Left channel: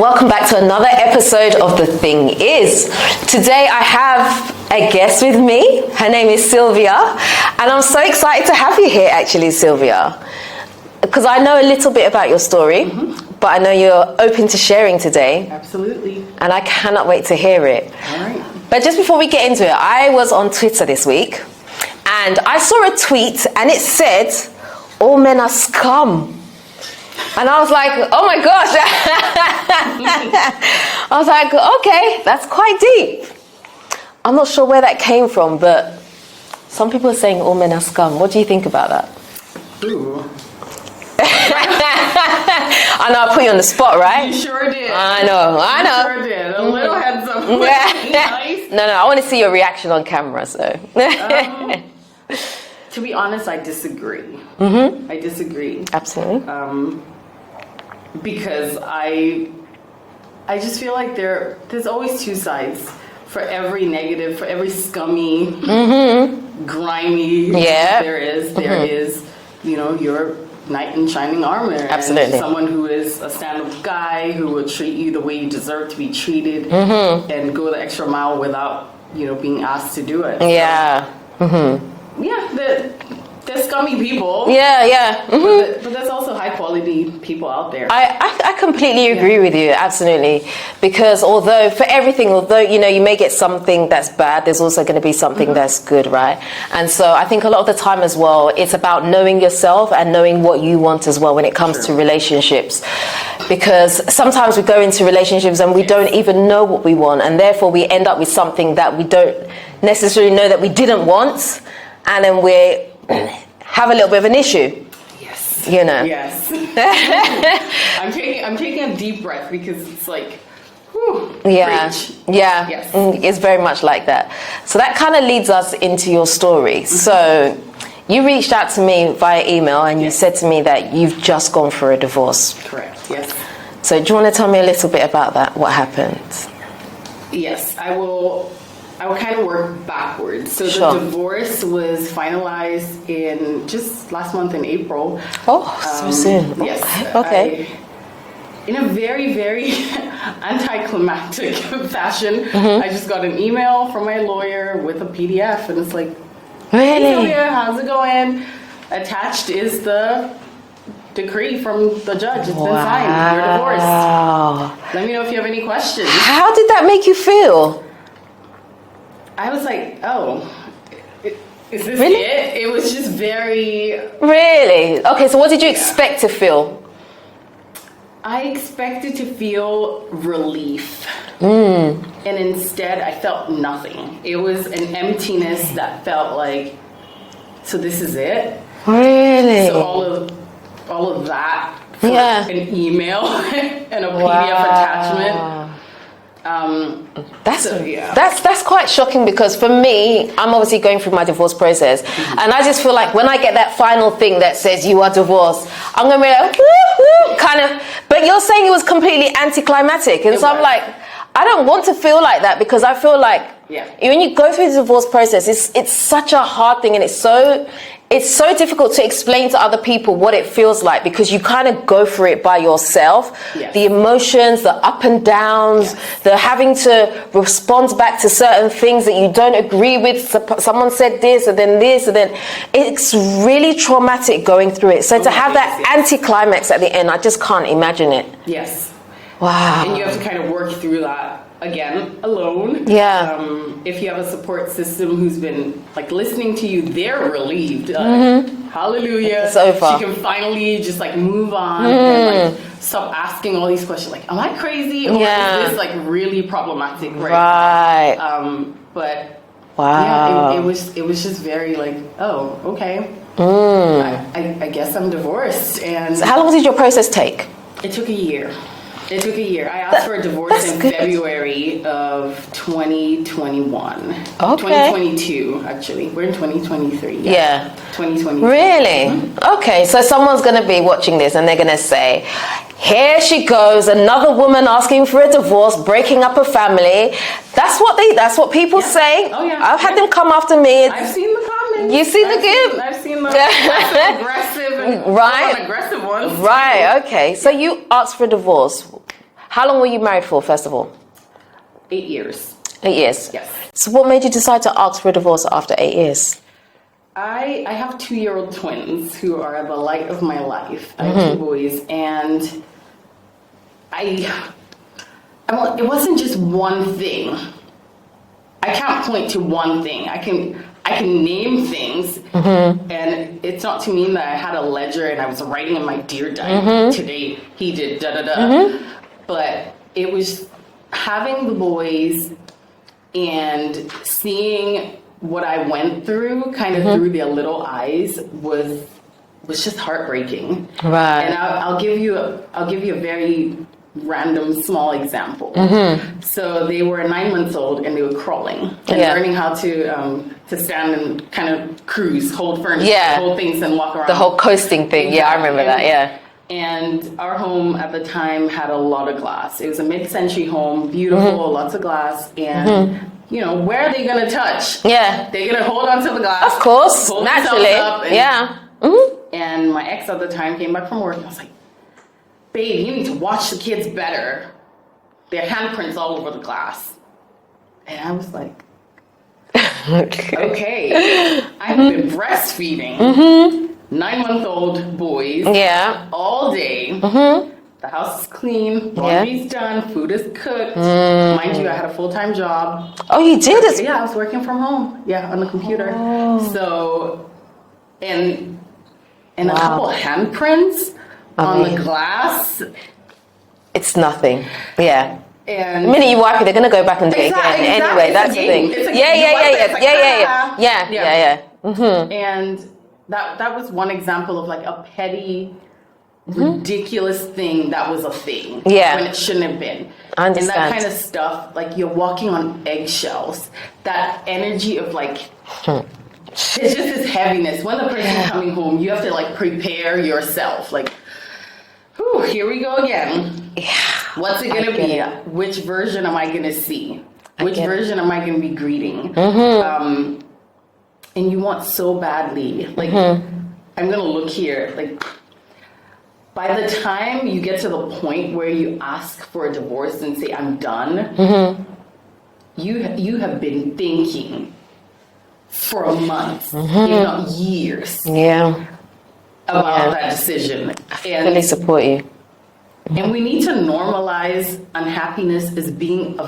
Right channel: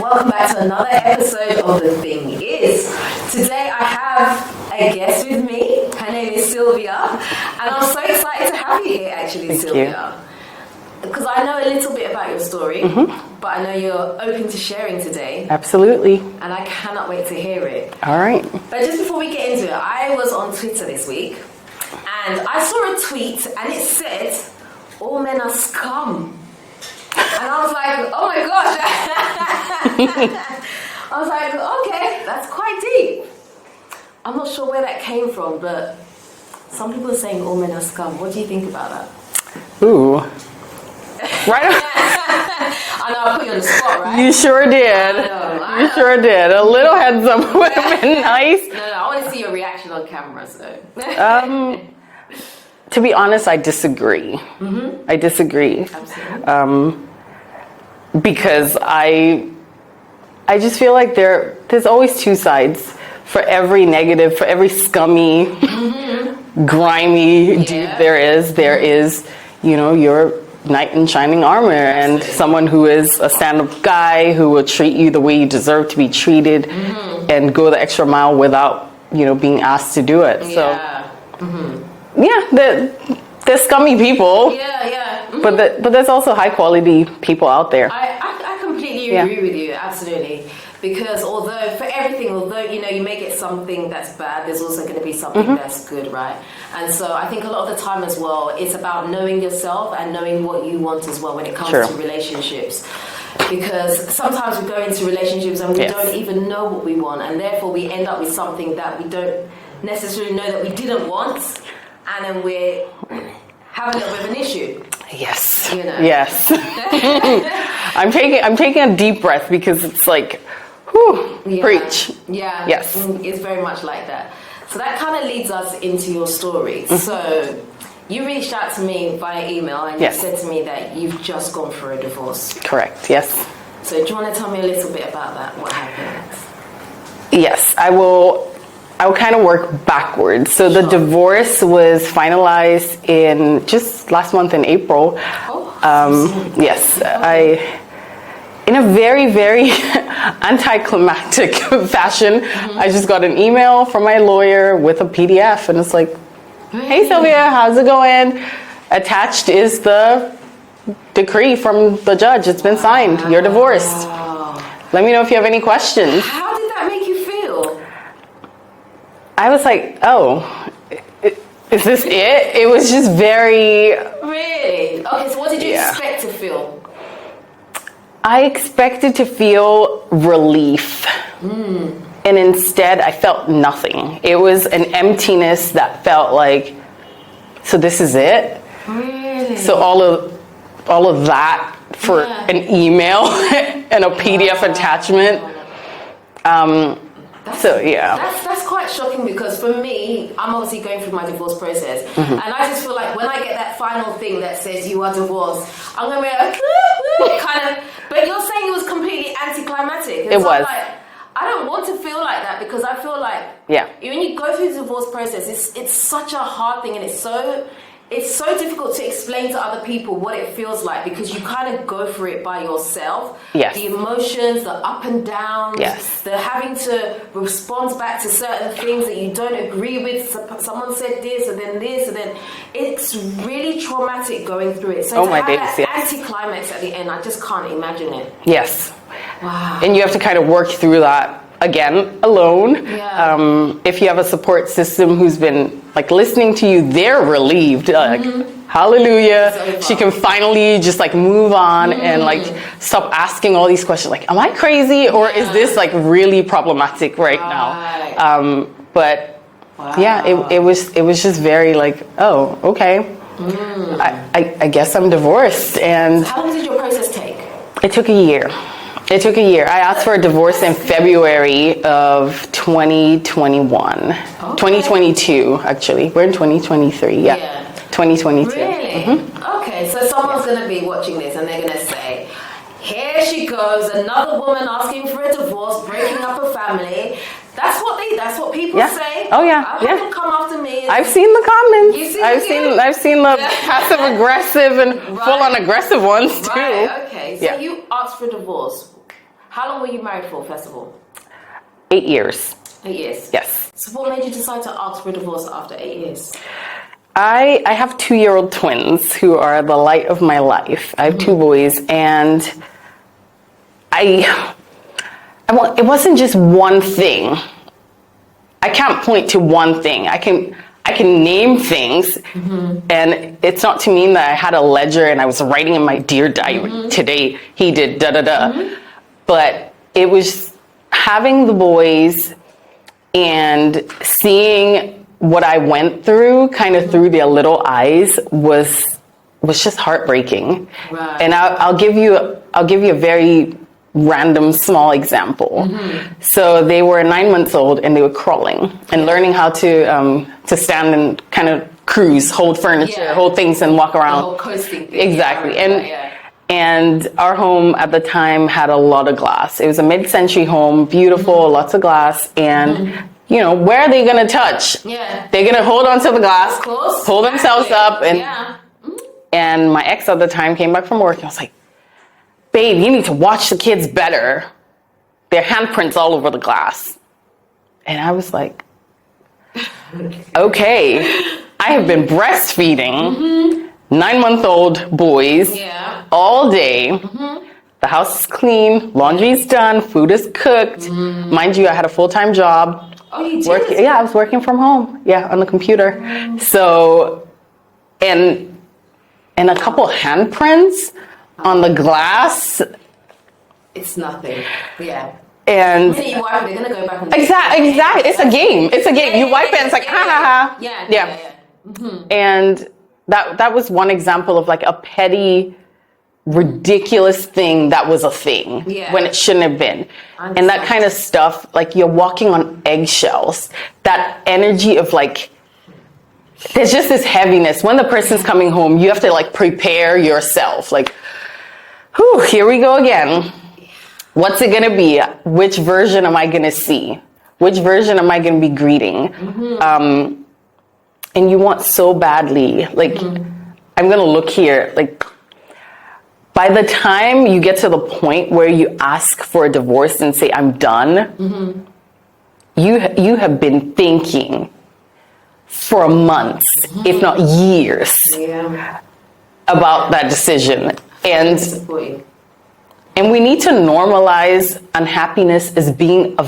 welcome back to another episode of The Thing Is. Today I have a guest with me. Her name is Sylvia, and I'm so excited to have you here actually, Sylvia, because I know a little bit about your story, but I know you're open to sharing today. Absolutely. And I cannot wait to hear it. All right. But just before we get into it, I was on Twitter this week, and I saw a tweet, and it said, "All men are scum." And I was like, oh my gosh. I was like, okay, that's quite deep. I'm not sure where that came from, but some people are saying all men are scum. What do you think about that? Ooh. I know I put you on the spot, right? You sure did. I know. You sure did. A little heads up would have been nice. No, I want to see your reaction on camera, so. To be honest, I disagree. I disagree. Absolutely. Because I just feel like there's always two sides. For every negative, for every scummy, grimy dude there is, you know, your knight in shining armor. Absolutely. And someone who is a stand-up guy who will treat you the way you deserve to be treated and go the extra mile without, you know, being asked to do it. Yeah. So, they're scummy people. Yeah. But there's also high quality people out there. I completely agree with you, absolutely. Because although you know, you may get something that's bad, there's also going to be something that's good, right? And so I think a lot of the time as well, it's about knowing yourself and knowing what you want as well when it comes to relationships. Because sometimes we go into relationships and we don't even know what we want, and therefore we end up with something that we don't necessarily know that we didn't want, and then we have a little bit of an issue. Yes. You know. Yes. I'm taking a deep breath because it's like, whew, preach. Yeah. Yes. It's very much like that. So that kind of leads us into your story. So you reached out to me via email and you said to me that you've just gone for a divorce. Correct. Yes. So do you want to tell me a little bit about that? What happened? Yes, I will kind of work backwards. So the divorce was finalized in just last month in April. Oh, so soon. Yes. Okay. In a very, very anticlimactic fashion, I just got an email from my lawyer with a PDF, and it's like, hey Sylvia, how's it going? Attached is the decree from the judge. It's been signed. You're divorced. Let me know if you have any questions. How did that make you feel? I was like, oh, is this it? It was just very... Really? Okay, so what did you expect to feel? I expected to feel relief. And instead, I felt nothing. It was an emptiness that felt like, so this is it? Really? So all of that for an email and a PDF attachment. That's quite shocking, because for me, I'm obviously going through my divorce process, and I just feel like when I get that final thing that says you are divorced, I'm gonna be like, kind of. But you're saying it was completely anticlimactic, and so I'm like, I don't want to feel like that, because I feel like when you go through the divorce process, it's such a hard thing, and it's so difficult to explain to other people what it feels like, because you kind of go through it by yourself. Yes. The emotions, the up and downs, the having to respond back to certain things that you don't agree with. Someone said this, and then it's really traumatic going through it. So to have that anticlimax at the end, I just can't imagine it. Yes. Wow. And you have to kind of work through that again alone. If you have a support system who's been like listening to you, they're relieved. Hallelujah, it's over. She can finally just like move on and like stop asking all these questions like, am I crazy, or is this like really problematic right now? But it was just very like, oh, okay, I guess I'm divorced. And so how long did your process take? It took a year. I asked for a divorce in February of 2021. Okay. 2022, actually. We're in 2023. Yeah. 2022. Really? Okay, so someone's going to be watching this and they're going to say, here she goes, another woman asking for a divorce, breaking up a family. That's what people say. Oh yeah. I've had them come after me. I've seen the comments. You see the I've seen the passive aggressive and full on aggressive ones too. Right, okay. So you asked for a divorce. How long were you married for, first of all? 8 years. 8 years? Yes. So what made you decide to ask for a divorce after 8 years? I have 2-year-old twins who are the light of my life. I have 2 boys, and it wasn't just one thing. I can't point to one thing. I can name things, and it's not to mean that I had a ledger and I was writing in my dear diary, today he did da-da-da. But it was having the boys and seeing what I went through kind of through their little eyes was just heartbreaking. Right. And I'll give you a very random small example. So they were 9 months old and they were crawling and learning how to stand and kind of cruise, hold furniture, hold things and walk around. The whole coasting thing. Exactly. Yeah, I remember that, yeah. And our home at the time had a lot of glass. It was a mid-century home, beautiful, lots of glass, and you know, where are they going to touch? Yeah. They're going to hold onto the glass, of course, pull themselves up. And, yeah. And my ex at the time came back from work and I was like, babe, you need to watch the kids better. Their handprints all over the glass. And I was like, okay, I have been breastfeeding 9-month-old boys all day. The house is clean, laundry's done, food is cooked. Mind you, I had a full-time job. Oh, you did? Yeah, I was working from home. Yeah, on the computer. Oh. So, and a couple handprints on the glass. It's nothing. Yeah. And the minute you wipe it, they're going to go back and do it. Exactly. Anyway, it's a game. It's a game. You wipe it, it's like, yeah. And that was one example of like a petty, ridiculous thing that was a thing when it shouldn't have been. And that kind of stuff, like you're walking on eggshells. That energy of like, there's just this heaviness. When the person's coming home, you have to like prepare yourself. Like, whew, here we go again. What's it going to be? Which version am I going to see? Which version am I going to be greeting? And you want so badly, like, I'm going to look here. Like, by the time you get to the point where you ask for a divorce and say, I'm done, you have been thinking for months, if not years, about that decision. And I support you. And we need to normalize unhappiness as being a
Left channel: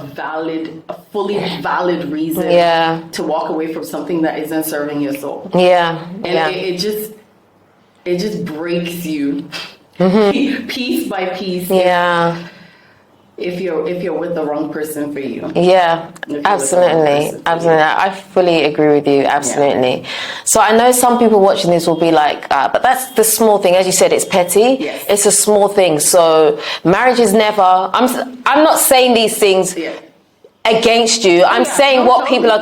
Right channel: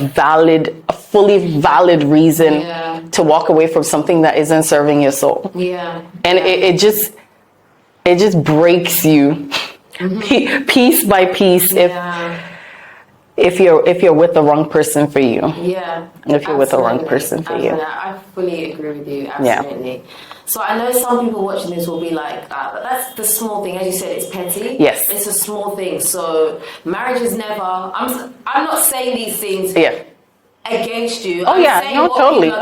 fully valid reason to walk away from something that isn't serving your soul. Yeah. And it just breaks you piece by piece. If you're with the wrong person for you. Yeah. If you're with the wrong person for you. I fully agree with you. Absolutely. Yeah. So I know some people watching this will be like, but that's the small thing. As you said, it's petty. Yes. It's a small thing. So marriage is never, I'm not saying these things against you. I'm saying what people are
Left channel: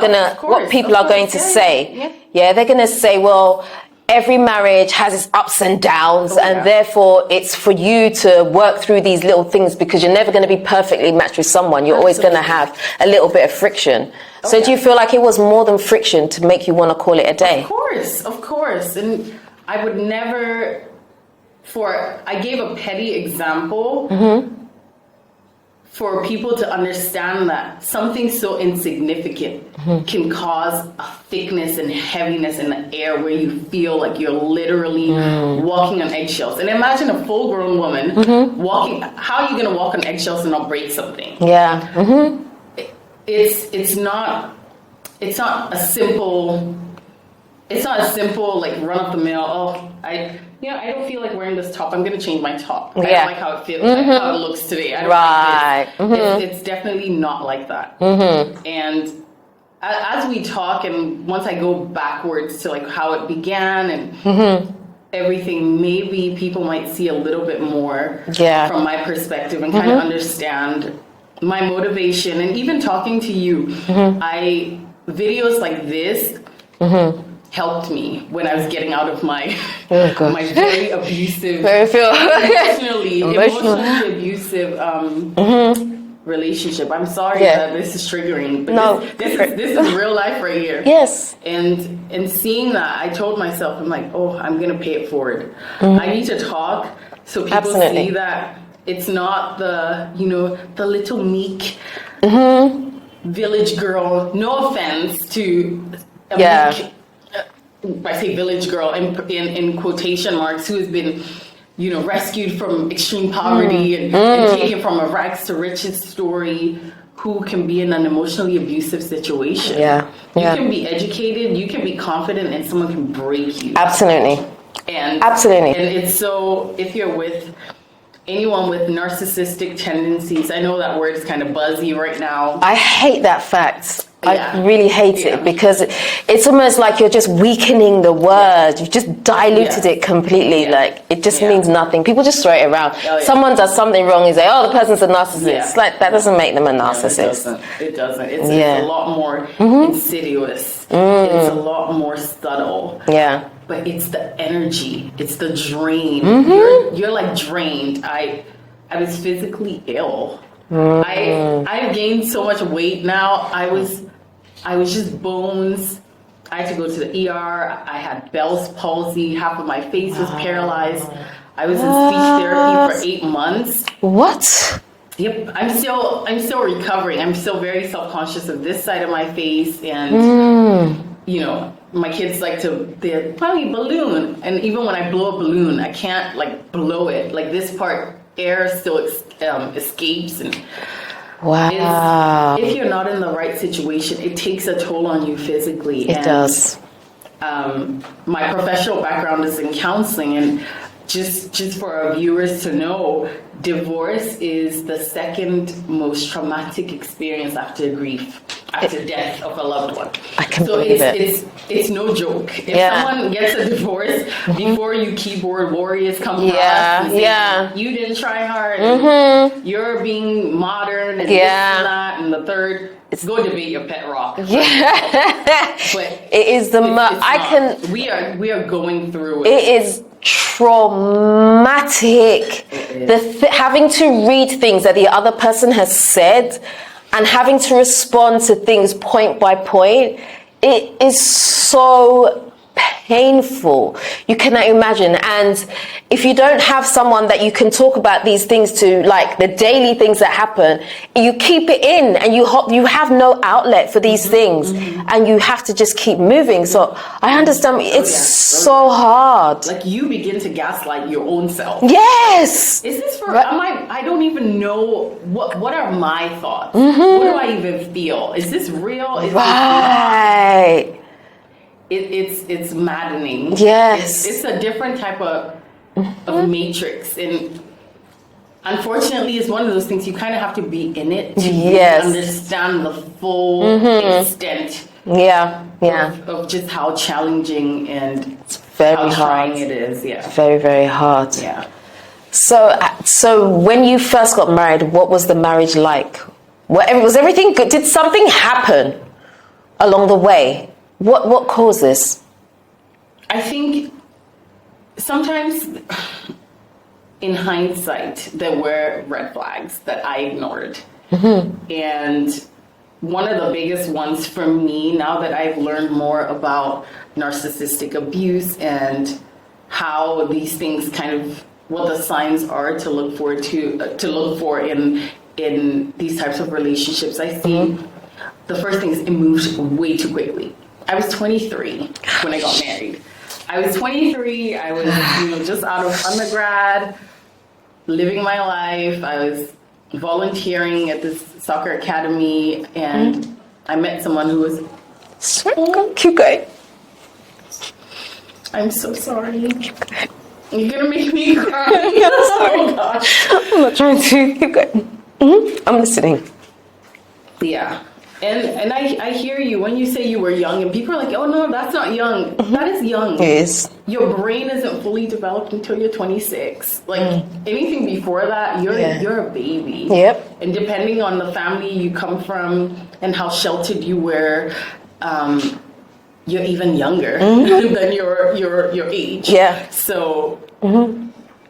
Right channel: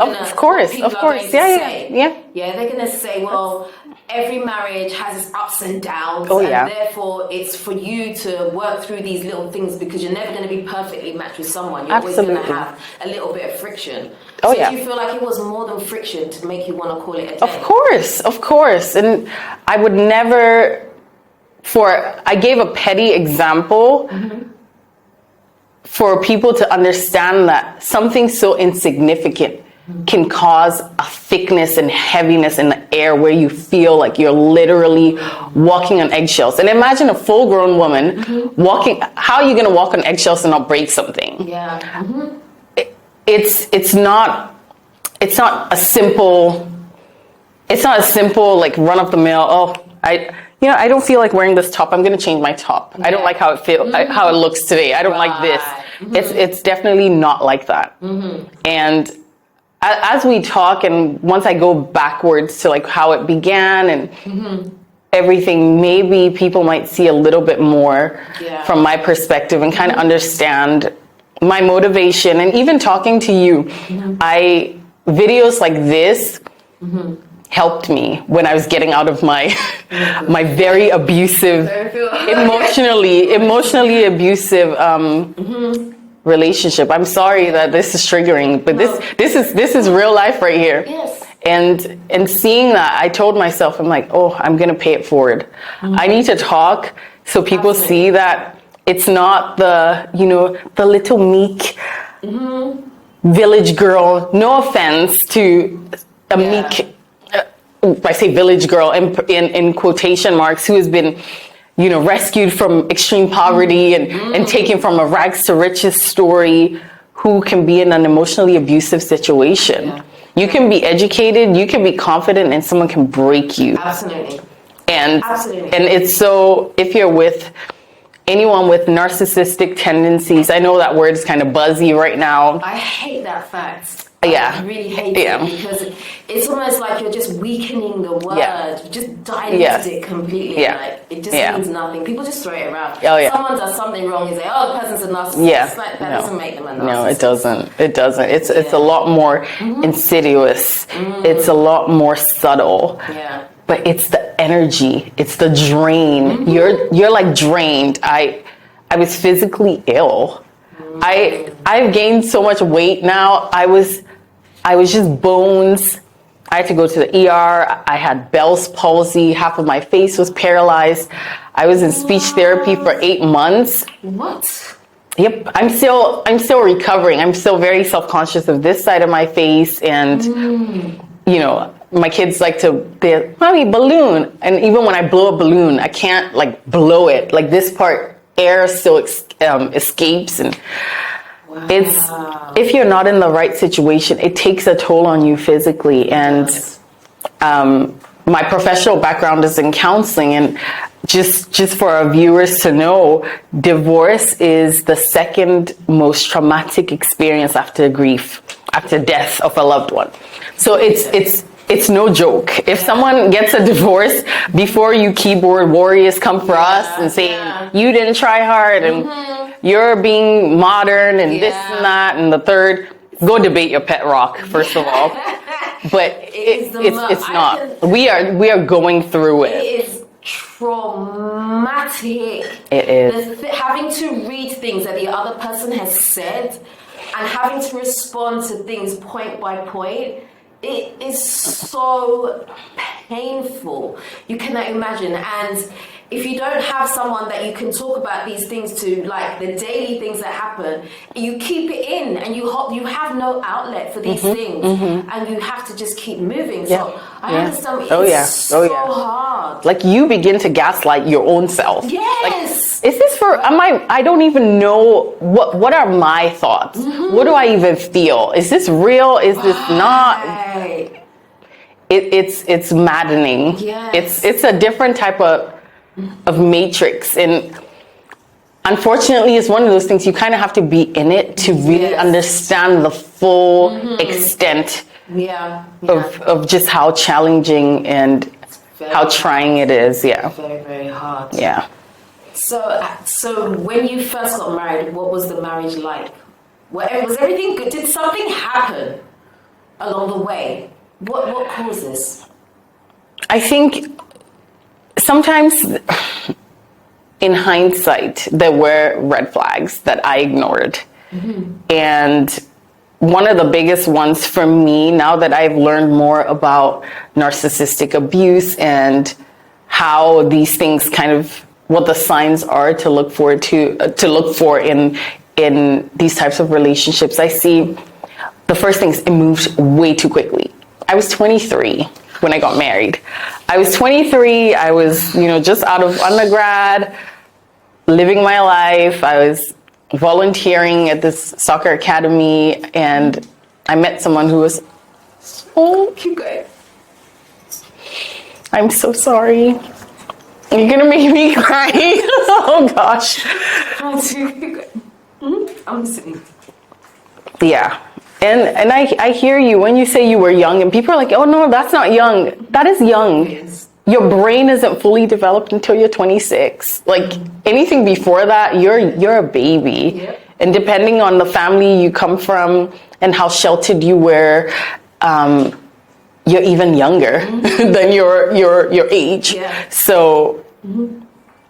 going to say. Yeah, they're going to say, well, every marriage has its ups and downs, and therefore it's for you to work through these little things because you're never going to be perfectly matched with someone. You're always going to have a little bit of friction. So do you feel like it was more than friction to make you want to call it a day? Of course. And I would never, I gave a petty example for people to understand that something so insignificant can cause a thickness and heaviness in the air where you feel like you're literally walking on eggshells. And imagine a full-grown woman walking. How are you going to walk on eggshells and not break something? Yeah. It's not a simple like run of the mill. I don't feel like wearing this top. I'm going to change my top. I don't like how it feels, how it looks today. I don't like this. It's definitely not like that. And as we talk, and once I go backwards to like how it began and everything, maybe people might see a little bit more from my perspective and kind of understand my motivation. And even talking to you, videos like this helped me when I was getting out of my my very abusive, emotionally abusive relationship. I'm sorry that this is triggering, but this is real life right here. Yes. And seeing that, I told myself, I'm like, I'm gonna pay it forward. I need to talk so people see that It's not the, the little meek village girl. No offense to a meek, I say village girl in quotation marks, who has been, rescued from extreme poverty and taken from a rags to riches story, who can be in an emotionally abusive situation. You can be educated, you can be confident, and someone can break you. Absolutely. And Absolutely. And it's so, if you're with anyone with narcissistic tendencies, I know that word is kind of buzzy right now. I hate that fact. I really hate it, because it's almost like you're just weakening the word. You've just diluted it completely. Like, it just means nothing. People just throw it around. Someone does something wrong, you say, oh, the person's a narcissist. Like, that doesn't make them a narcissist. No, it doesn't. It's a lot more insidious. It's a lot more subtle. But it's the energy. It's the drain. You're like drained. I was physically ill. I've gained so much weight now. I was just bones. I had to go to the ER. I had Bell's palsy. Half of my face was paralyzed. I was in speech therapy for 8 months. What? Yep. I'm still recovering. I'm still very self-conscious of this side of my face, and my kids like to, mommy, balloon. And even when I blow a balloon, I can't like blow it. Like this part, air still escapes. And if you're not in the right situation, it takes a toll on you physically. It does. My professional background is in counseling, and just for our viewers to know, divorce is the second most traumatic experience after grief, after death of a loved one. So it's no joke. If someone gets a divorce, before you keyboard warriors come for us and say, you didn't try hard, and you're being modern, and this and that, and the third, go debate your pet rock, first of all. But it is it's not. We are going through it. It is traumatic. It is. Having to read things that the other person has said and having to respond to things point by point, it is so painful. You cannot imagine. And if you don't have someone that you can talk about these things to, like the daily things that happen, you keep it in, and you have no outlet for these things, and you have to just keep moving. So I understand. It's so hard. Like, you begin to gaslight your own self. Yes. Like, is this for? I don't even know what are my thoughts. What do I even feel? Is this real? Is this not? It's maddening. Yes. It's a different type of matrix, and unfortunately it's one of those things you kind of have to be in it to really understand the full extent of just how challenging and how trying it is. Very, very hard. So when you first got married, what was the marriage like? Was everything good? Did something happen along the way? What caused this? I think sometimes in hindsight, there were red flags that I ignored. And one of the biggest ones for me, now that I've learned more about narcissistic abuse and how these things kind of, what the signs are to look for in these types of relationships, I see the first thing is it moves way too quickly. I was 23 when I got married. I was 23. I was, just out of undergrad, living my life. I was volunteering at this soccer academy, and I met someone who was so cute guy. I'm so sorry. You're gonna make me cry. Oh gosh. I'm not trying to. I'm listening. Yeah. And I hear you when you say you were young, and people are like, oh no, that's not young. That is young. It is. Your brain isn't fully developed until you're 26. Like anything before that, you're a baby. Yep. And depending on the family you come from and how sheltered you were, you're even younger than your age. Yeah. So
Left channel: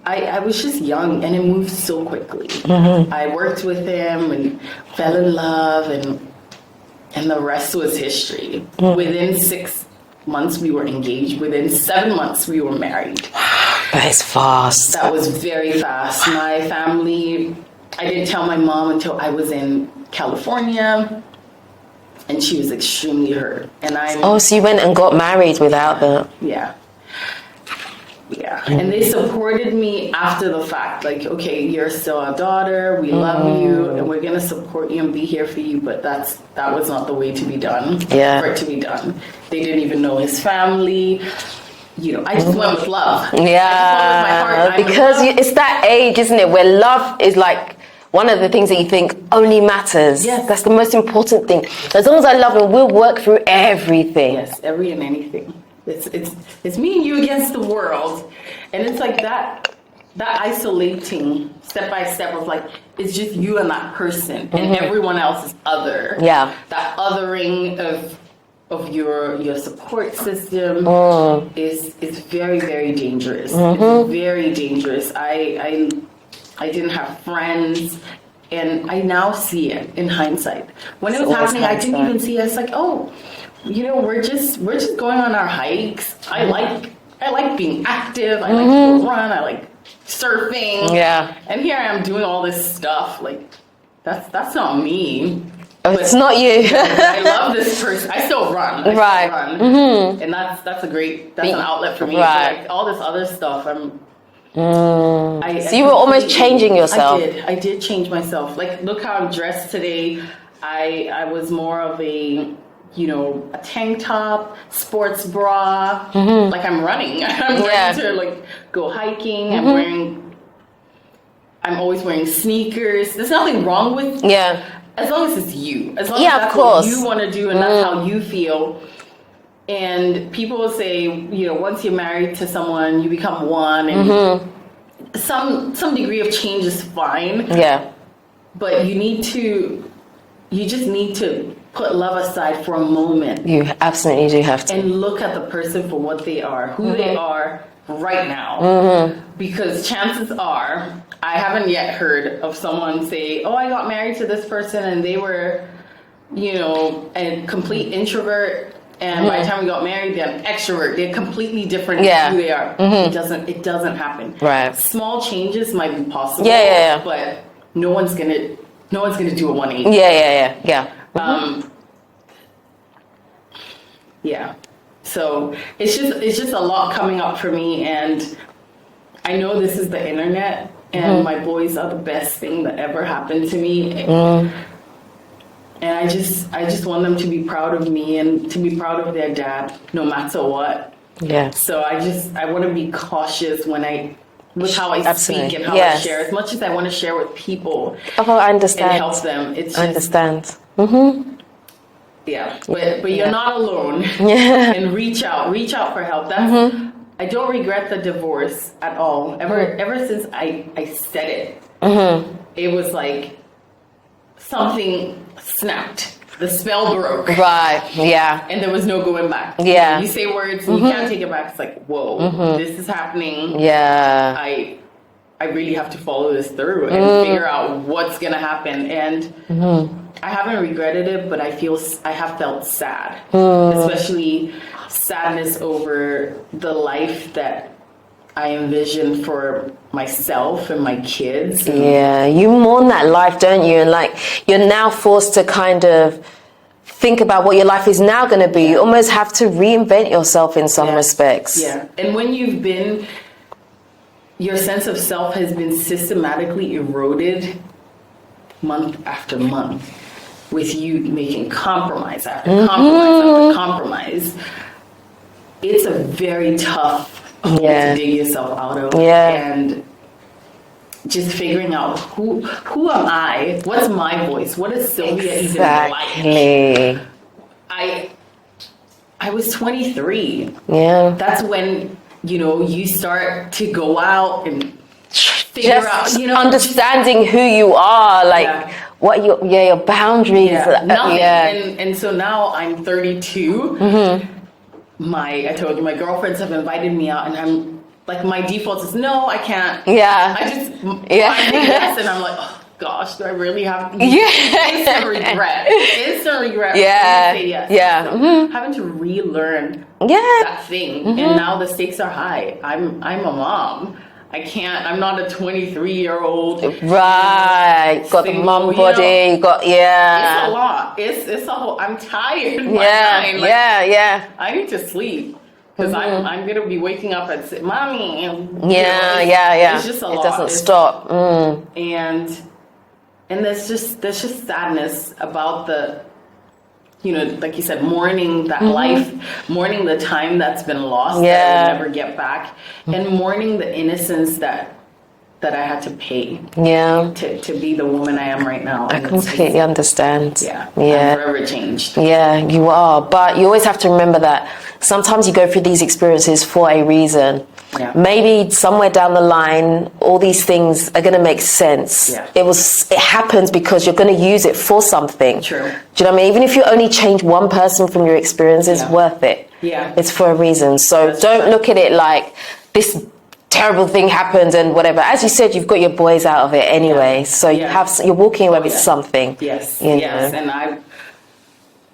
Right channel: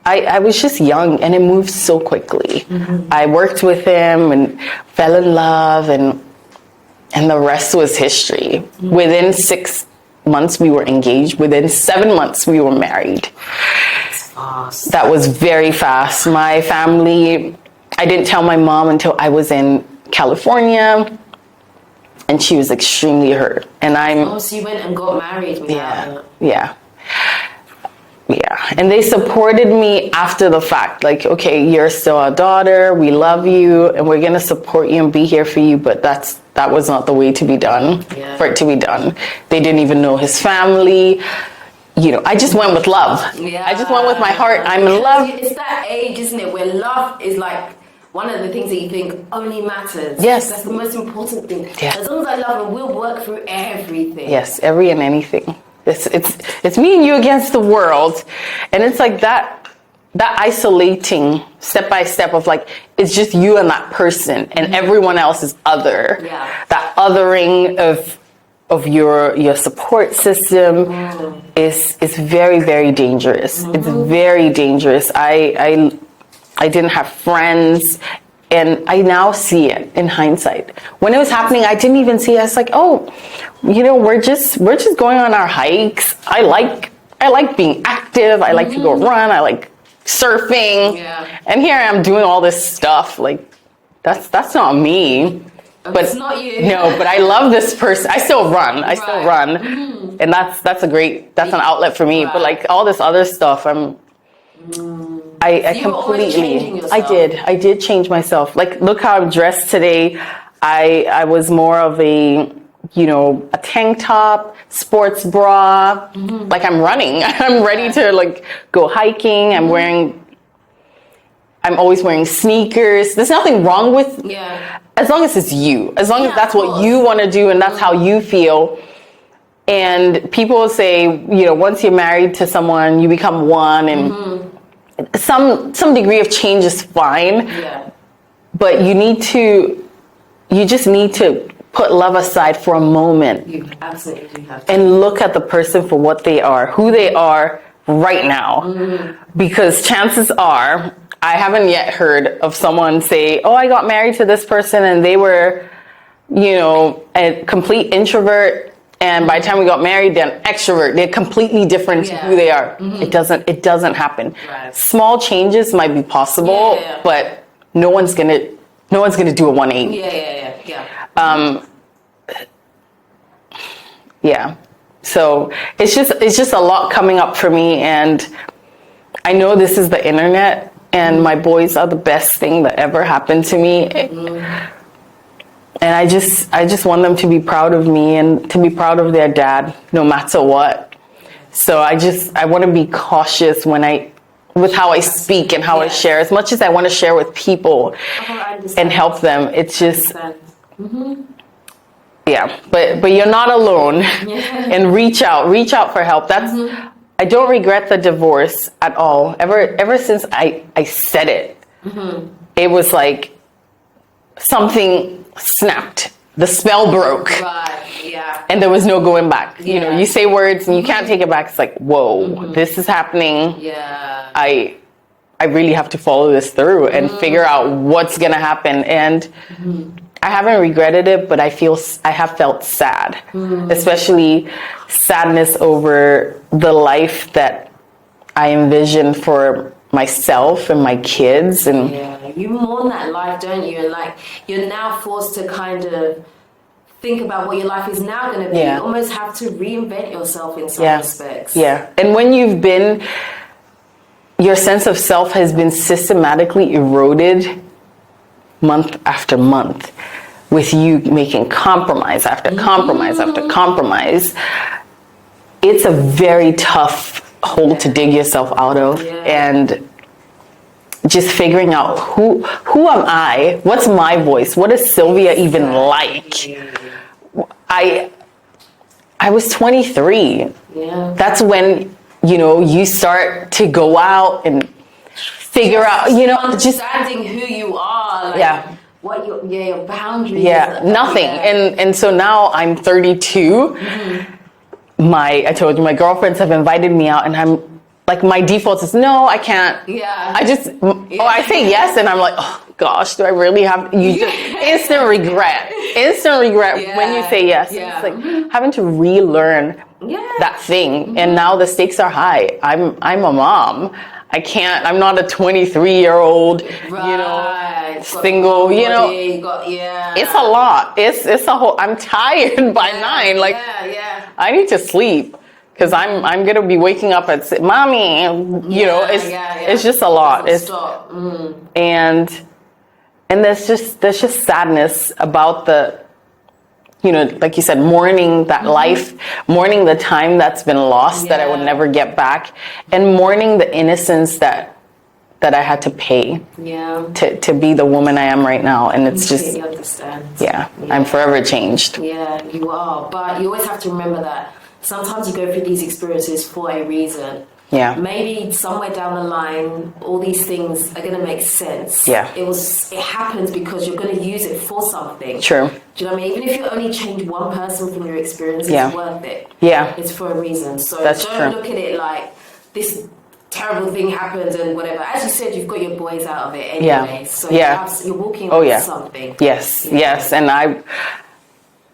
I was just young, and it moved so quickly. I worked with him and fell in love, and the rest was history. Within months we were engaged. Within 7 months we were married. That is fast. That was very fast. My family, I didn't tell my mom until I was in California, and she was extremely hurt. And so you went and got married without that? Yeah. And they supported me after the fact. Like, okay, you're still our daughter. We love you, and we're gonna support you and be here for you. But that was not the way to be done. Yeah. For it to be done, they didn't even know his family. I just went with love. Yeah. I just went with my heart. It's that age, isn't it, where love is like one of the things that you think only matters. Yes. That's the most important thing. Yes. As long as I love him, we'll work through everything. Yes, every and anything. It's me and you against the world, and it's like that isolating step by step of like it's just you and that person, and everyone else is other. Yeah, that othering of your support system is very, very dangerous. It's very dangerous. I didn't have friends. And I now see it in hindsight. When it was happening, I didn't even see it. It's like, we're just going on our hikes. I like being active. I like to go run. I like surfing. Yeah. And here I am doing all this stuff. Like, that's not me. But it's not you. No, but I love this person. I still run. I still run. And that's an outlet for me. But like all this other stuff, so you were almost changing yourself. I did change myself. Like, look how I'm dressed today. I was more of a tank top, sports bra. Like, I'm running. I'm ready to like go hiking. I'm always wearing sneakers. There's nothing wrong with as long as it's you. As long as that's what you want to do and that's how you feel. And people say, once you're married to someone, you become one, and some degree of change is fine. Yeah. But you just need to put love aside for a moment. You absolutely do have to. And look at the person for what they are, who they are right now. Because chances are, I haven't yet heard of someone say, I got married to this person and they were, a complete introvert. And by the time we got married, they're an extrovert. They're completely different to who they are. It doesn't happen. Right. Small changes might be possible, but no one's gonna do a 180. Yeah. So it's just a lot coming up for me, and I know this is the internet, and my boys are the best thing that ever happened to me. And I just want them to be proud of me and to be proud of their dad, no matter what. Yeah. So I want to be cautious with how I speak and how I share. As much as I want to share with people, I understand, and help them, it's just. I understand. Yeah, but you're not alone. And reach out for help. That's. I don't regret the divorce at all. Ever since I said it, it was like something snapped. The spell broke. Right. Yeah. And there was no going back. Yeah. You say words and you can't take it back. It's like, whoa, this is happening. Yeah. I really have to follow this through and figure out what's gonna happen. And I haven't regretted it, but I have felt sad, especially sadness over the life that I envisioned for myself and my kids. And you mourn that life, don't you? And like, you're now forced to kind of think about what your life is now going to be. You almost have to reinvent yourself in some respects. Yeah. And when your sense of self has been systematically eroded month after month, with you making compromise after compromise after compromise, it's a very tough hole to dig yourself out of. And just figuring out who am I? What's my voice? What is Sylvia even like? I was 23. Yeah. That's when, you start to go out and figure out, understanding who you are, like what your boundaries. Nothing. And so now I'm 32. I told you, my girlfriends have invited me out, and I'm like, my default is no, I can't. Yeah. I say yes, and I'm like, gosh, do I really have instant regret when you say yes. Yeah. It's like, having to relearn that thing. And now the stakes are high. I'm a mom. I'm not a 23-year-old, right, single, body, it's a lot. It's a whole, I'm tired by 9. Like, I need to sleep. Because I'm going to be waking up at, mommy, it's just a lot. It doesn't stop. And there's just sadness about the, like you said, mourning that life, mourning the time that's been lost that I will never get back, and mourning the innocence that I had to pay to be the woman I am right now. And it's just, completely understand. I'm forever changed. Yeah, you are. But you always have to remember that sometimes you go through these experiences for a reason. Yeah. Maybe somewhere down the line, all these things are going to make sense. Yeah. It happens because you're going to use it for something. True. Do you know what I mean? Even if you only change one person from your experience, it's worth it. Yeah. It's for a reason. So That's don't true. look at it like this terrible thing happened and whatever. As you said, you've got your boys out of it anyway. So you're walking away with something. Yes. Yes. And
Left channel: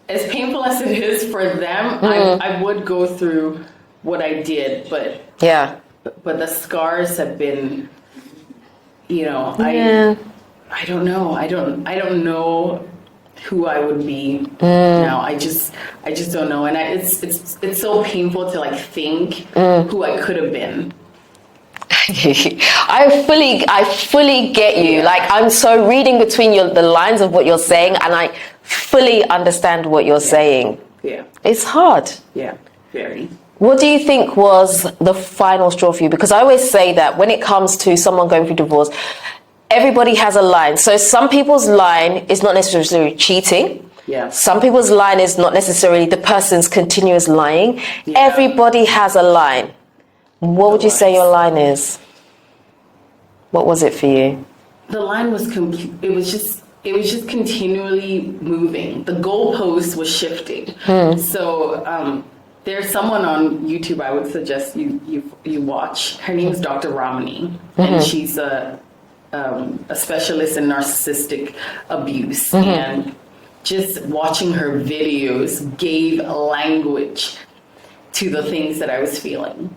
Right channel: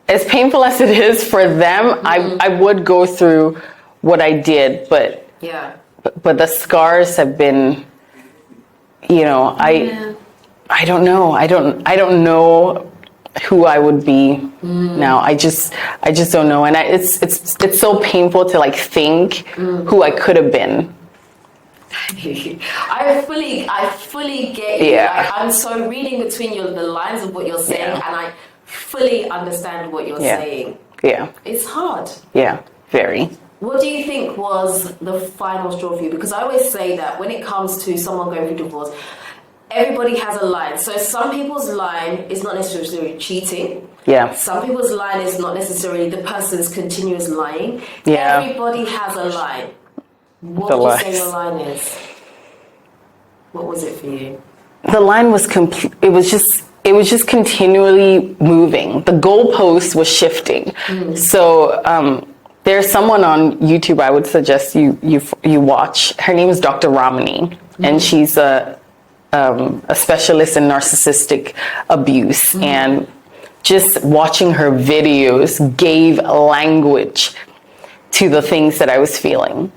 as painful as it is for them, I would go through what I did, but the scars have been, I don't know. I don't know who I would be now. I just don't know. And it's so painful to like think who I could have been. I fully get you. Yeah. Like, I'm so reading between the lines of what you're saying, and I fully understand what you're saying. Yeah. It's hard. Yeah, very. What do you think was the final straw for you? Because I always say that when it comes to someone going through divorce, everybody has a line. So some people's line is not necessarily cheating. Yeah. Some people's line is not necessarily the person's continuous lying. Yeah. Everybody has a line. What would you say your line is? What was it for you? The line was it was just continually moving. The goalpost was shifting. So there's someone on YouTube I would suggest you watch. Her name is Dr. Ramani, and she's a specialist in narcissistic abuse. And just watching her videos gave language to the things that I was feeling.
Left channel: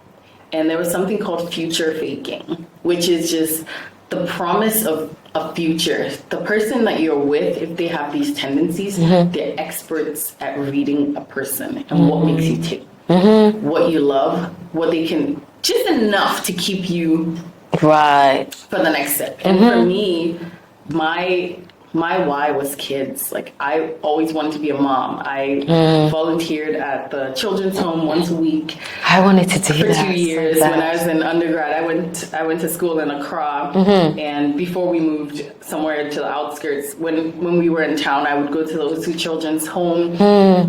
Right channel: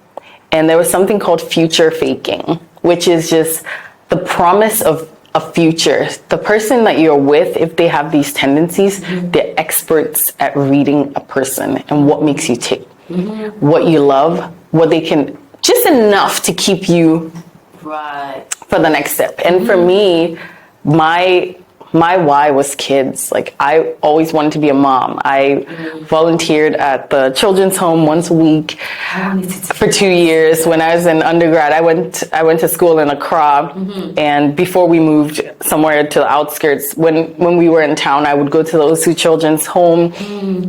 And there was something called future faking, which is just the promise of a future. The person that you're with, if they have these tendencies, they're experts at reading a person and what makes you tick, what you love, what they can, just enough to keep you right for the next step. And for me, my why was kids. Like, I always wanted to be a mom. I volunteered at the children's home once a week. I wanted to do for 2 years. When I was in undergrad, I went to school in Accra, and before we moved somewhere to the outskirts, when we were in town, I would go to those two children's home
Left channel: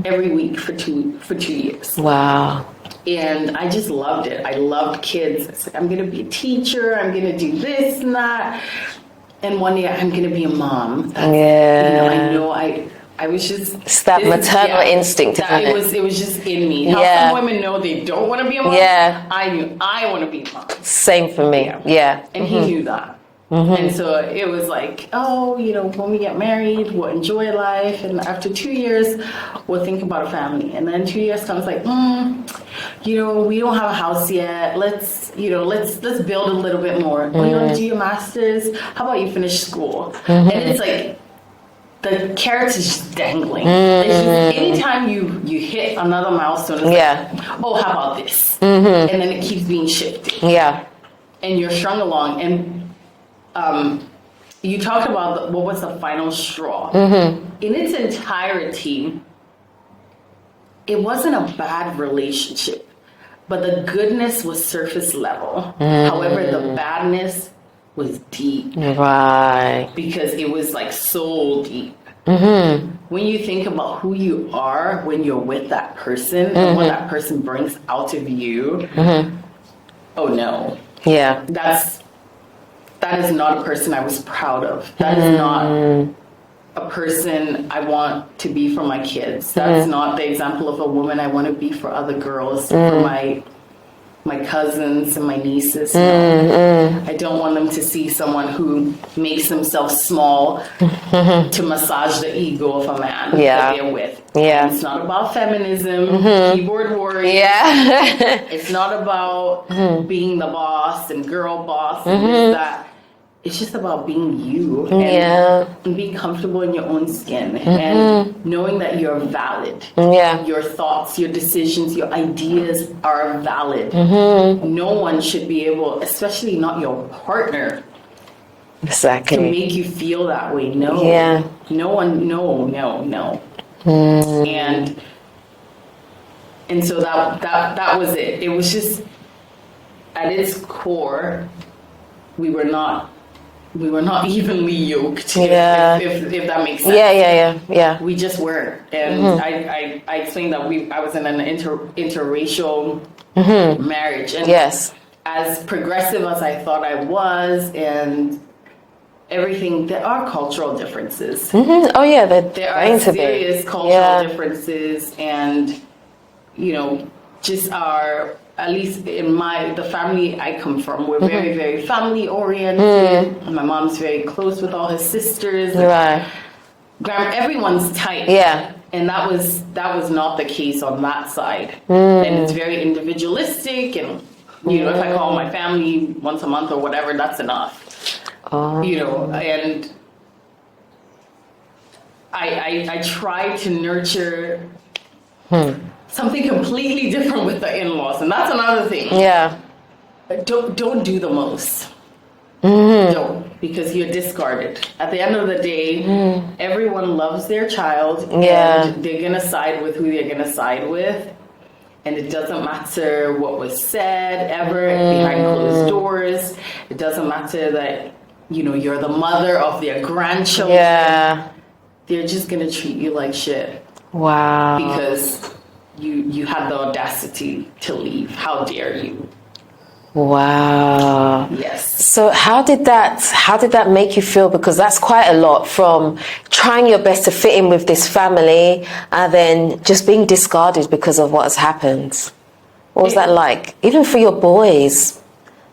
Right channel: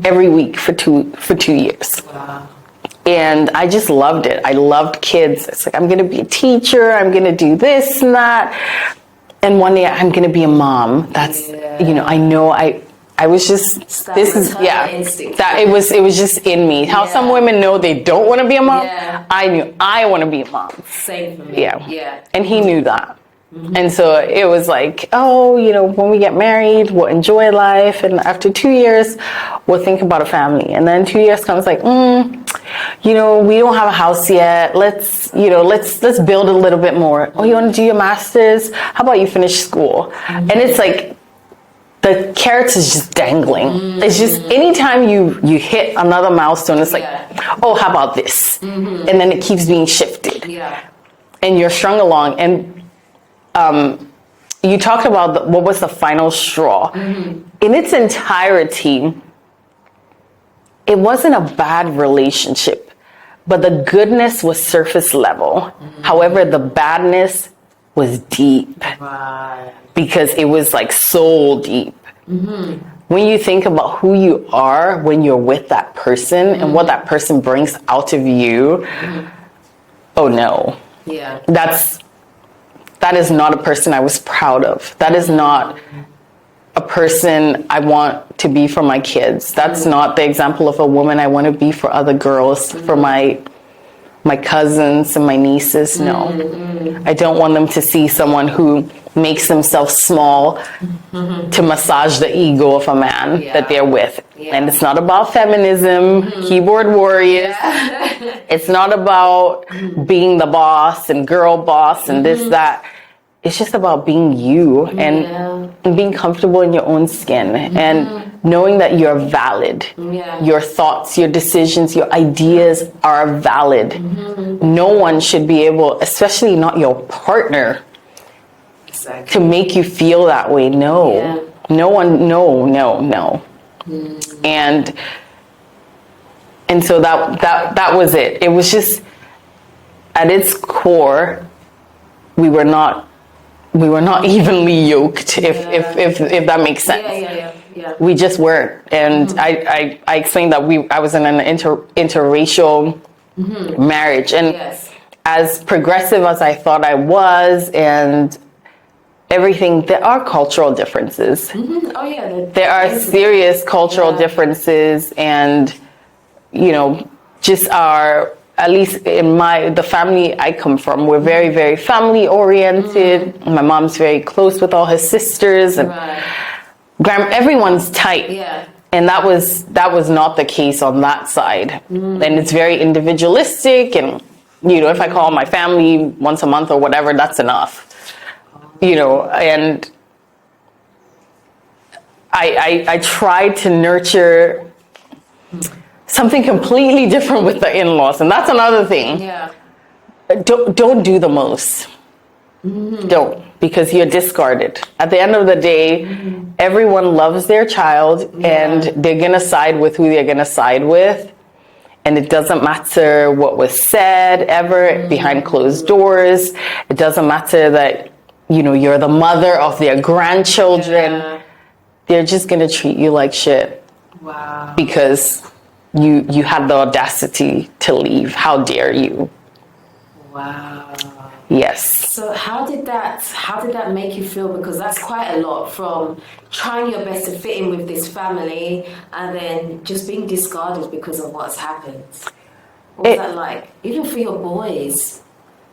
every week for two years. Wow. And I just loved it. I loved kids. It's like, I'm going to be a teacher. I'm going to do this and that. And one day I'm going to be a mom. That's, I know I was just... It's that maternal instinct. That it was just in me. How some women know they don't want to be a mom. Yeah. I knew I want to be a mom. Same for me. Yeah. And he knew that. And so it was like, when we get married, we'll enjoy life. And after 2 years, we'll think about a family. And then 2 years comes like, we don't have a house yet. Let's build a little bit more. Oh, you want to do your master's? How about you finish school? And it's like, the carrot is just dangling. It's just, anytime you hit another milestone, it's like, oh, how about this? And then it keeps being shifted. Yeah. And you're strung along. And you talked about what was the final straw. In its entirety, it wasn't a bad relationship, but the goodness was surface level. However, the badness was deep. Right. Because it was like soul deep. When you think about who you are when you're with that person and what that person brings out of you, oh no. Yeah. That is not a person I was proud of. That is not a person I want to be for my kids. That's not the example of a woman I want to be for other girls, for my cousins and my nieces. No. I don't want them to see someone who makes themselves small to massage the ego of a man that they're with. Yeah. And it's not about feminism, keyboard warriors. Yeah. It's not about being the boss and girl boss and this, that. It's just about being you and being comfortable in your own skin and knowing that you're valid. Yeah. Your thoughts, your decisions, your ideas are valid. No one should be able, especially not your partner, to make you feel that way. No. Yeah. No one, no. And so that was it. It was just, at its core, we were not evenly yoked, if that makes sense. Yeah. We just weren't. And I explained that I was in an interracial marriage. And as progressive as I thought I was and everything, there are cultural differences. Oh, yeah. There are serious cultural differences and, just our... At least in the family I come from, we're very, very family oriented. My mom's very close with all her sisters, and everyone's tight. Yeah, and that was not the case on that side. And it's very individualistic, and if I call my family once a month or whatever, that's enough. And I tried to nurture. Something completely different with the in-laws, and that's another thing. Yeah, don't do the most. Don't, because you're discarded. At the end of the day, everyone loves their child, and they're gonna side with who they're gonna side with, and it doesn't matter what was said ever behind closed doors. It doesn't matter that you're the mother of their grandchildren. Yeah. They're just gonna treat you like shit. Wow, because you had the audacity to leave. How dare you? Wow. Yes. So how did that make you feel? Because that's quite a lot, from trying your best to fit in with this family and then just being discarded because of what has happened. What was that like? Even for your boys,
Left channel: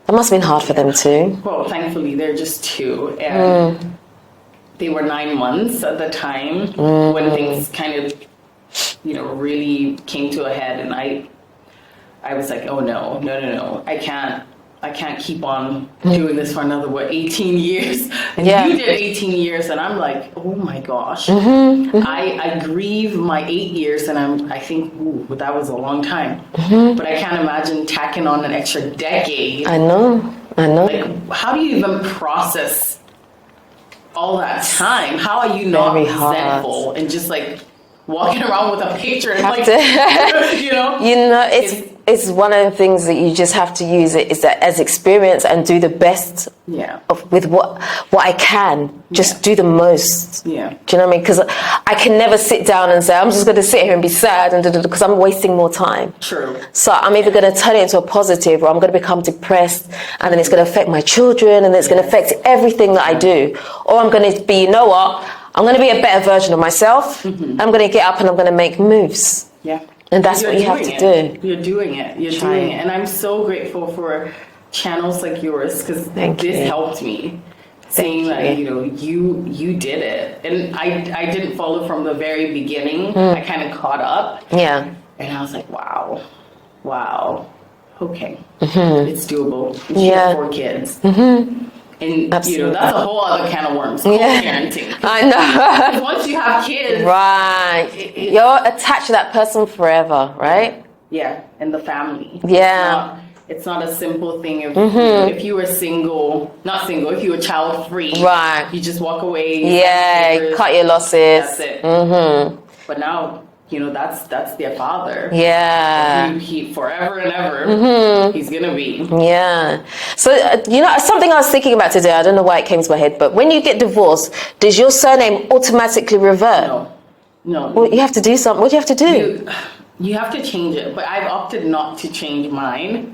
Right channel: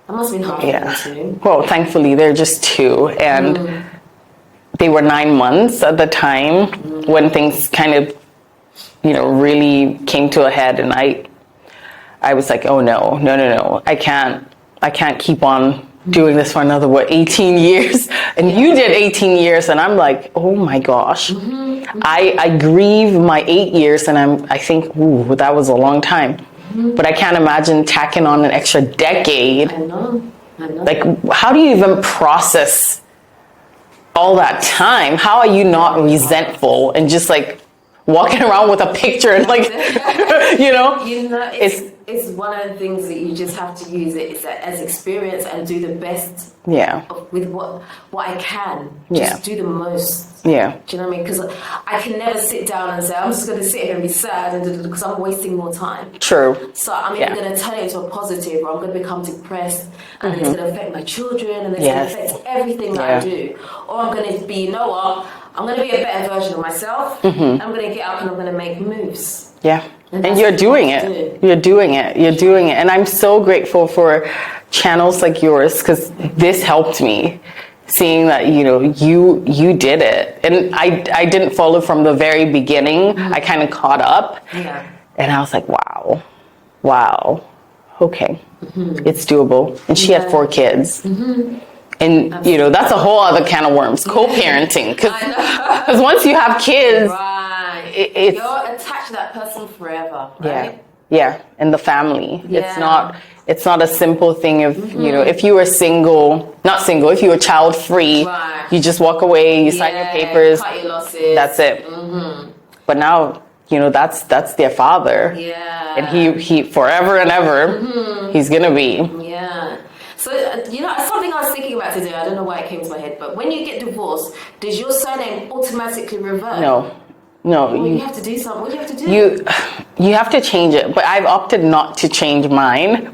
that must have been hard for them too. Well, thankfully they're just 2, and they were 9 months at the time when things kind of really came to a head, and I was like, oh no, I can't keep on doing this for another 18 years. And you did 18 years, and I'm like, oh my gosh. I grieve my 8 years, and I think, ooh, that was a long time. But I can't imagine tacking on an extra decade. I know. Like, how do you even process all that time? How are you not resentful and just like walking around with a picture and like, it's one of the things that you just have to use it is that as experience and do the best with what I can. Just do the most. Yeah. Do you know what I mean? Because I can never sit down and say, I'm just going to sit here and be sad and because I'm wasting more time. True. So I'm either going to turn it into a positive, or I'm going to become depressed, and then it's going to affect my children, and it's going to affect everything that I do. Or I'm going to be, I'm going to be a better version of myself. I'm going to get up and I'm going to make moves. Yeah. And that's what you're doing it. You're doing it. You're doing it. And I'm so grateful for channels like yours, because this helped me. Seeing that, you did it. And I didn't follow from the very beginning. I kind of caught up. Yeah. And I was like, wow. Okay. It's doable. And she had 4 kids. And, that's a whole other can of worms, co-parenting. I know. Because once you have kids... Right. You're attached to that person forever, right? Yeah. And the family. Yeah. It's not a simple thing of, if you were if you were child-free, right, you just walk away, you sign the papers. Cut your losses. That's it. But now... that's their father. Yeah. And he forever and ever, he's going to be. Yeah. So, something I was thinking about today, I don't know why it came to my head, but when you get divorced, does your surname automatically revert? No. Well, you have to do something. What do you have to do? You have to change it, but I've opted not to change mine.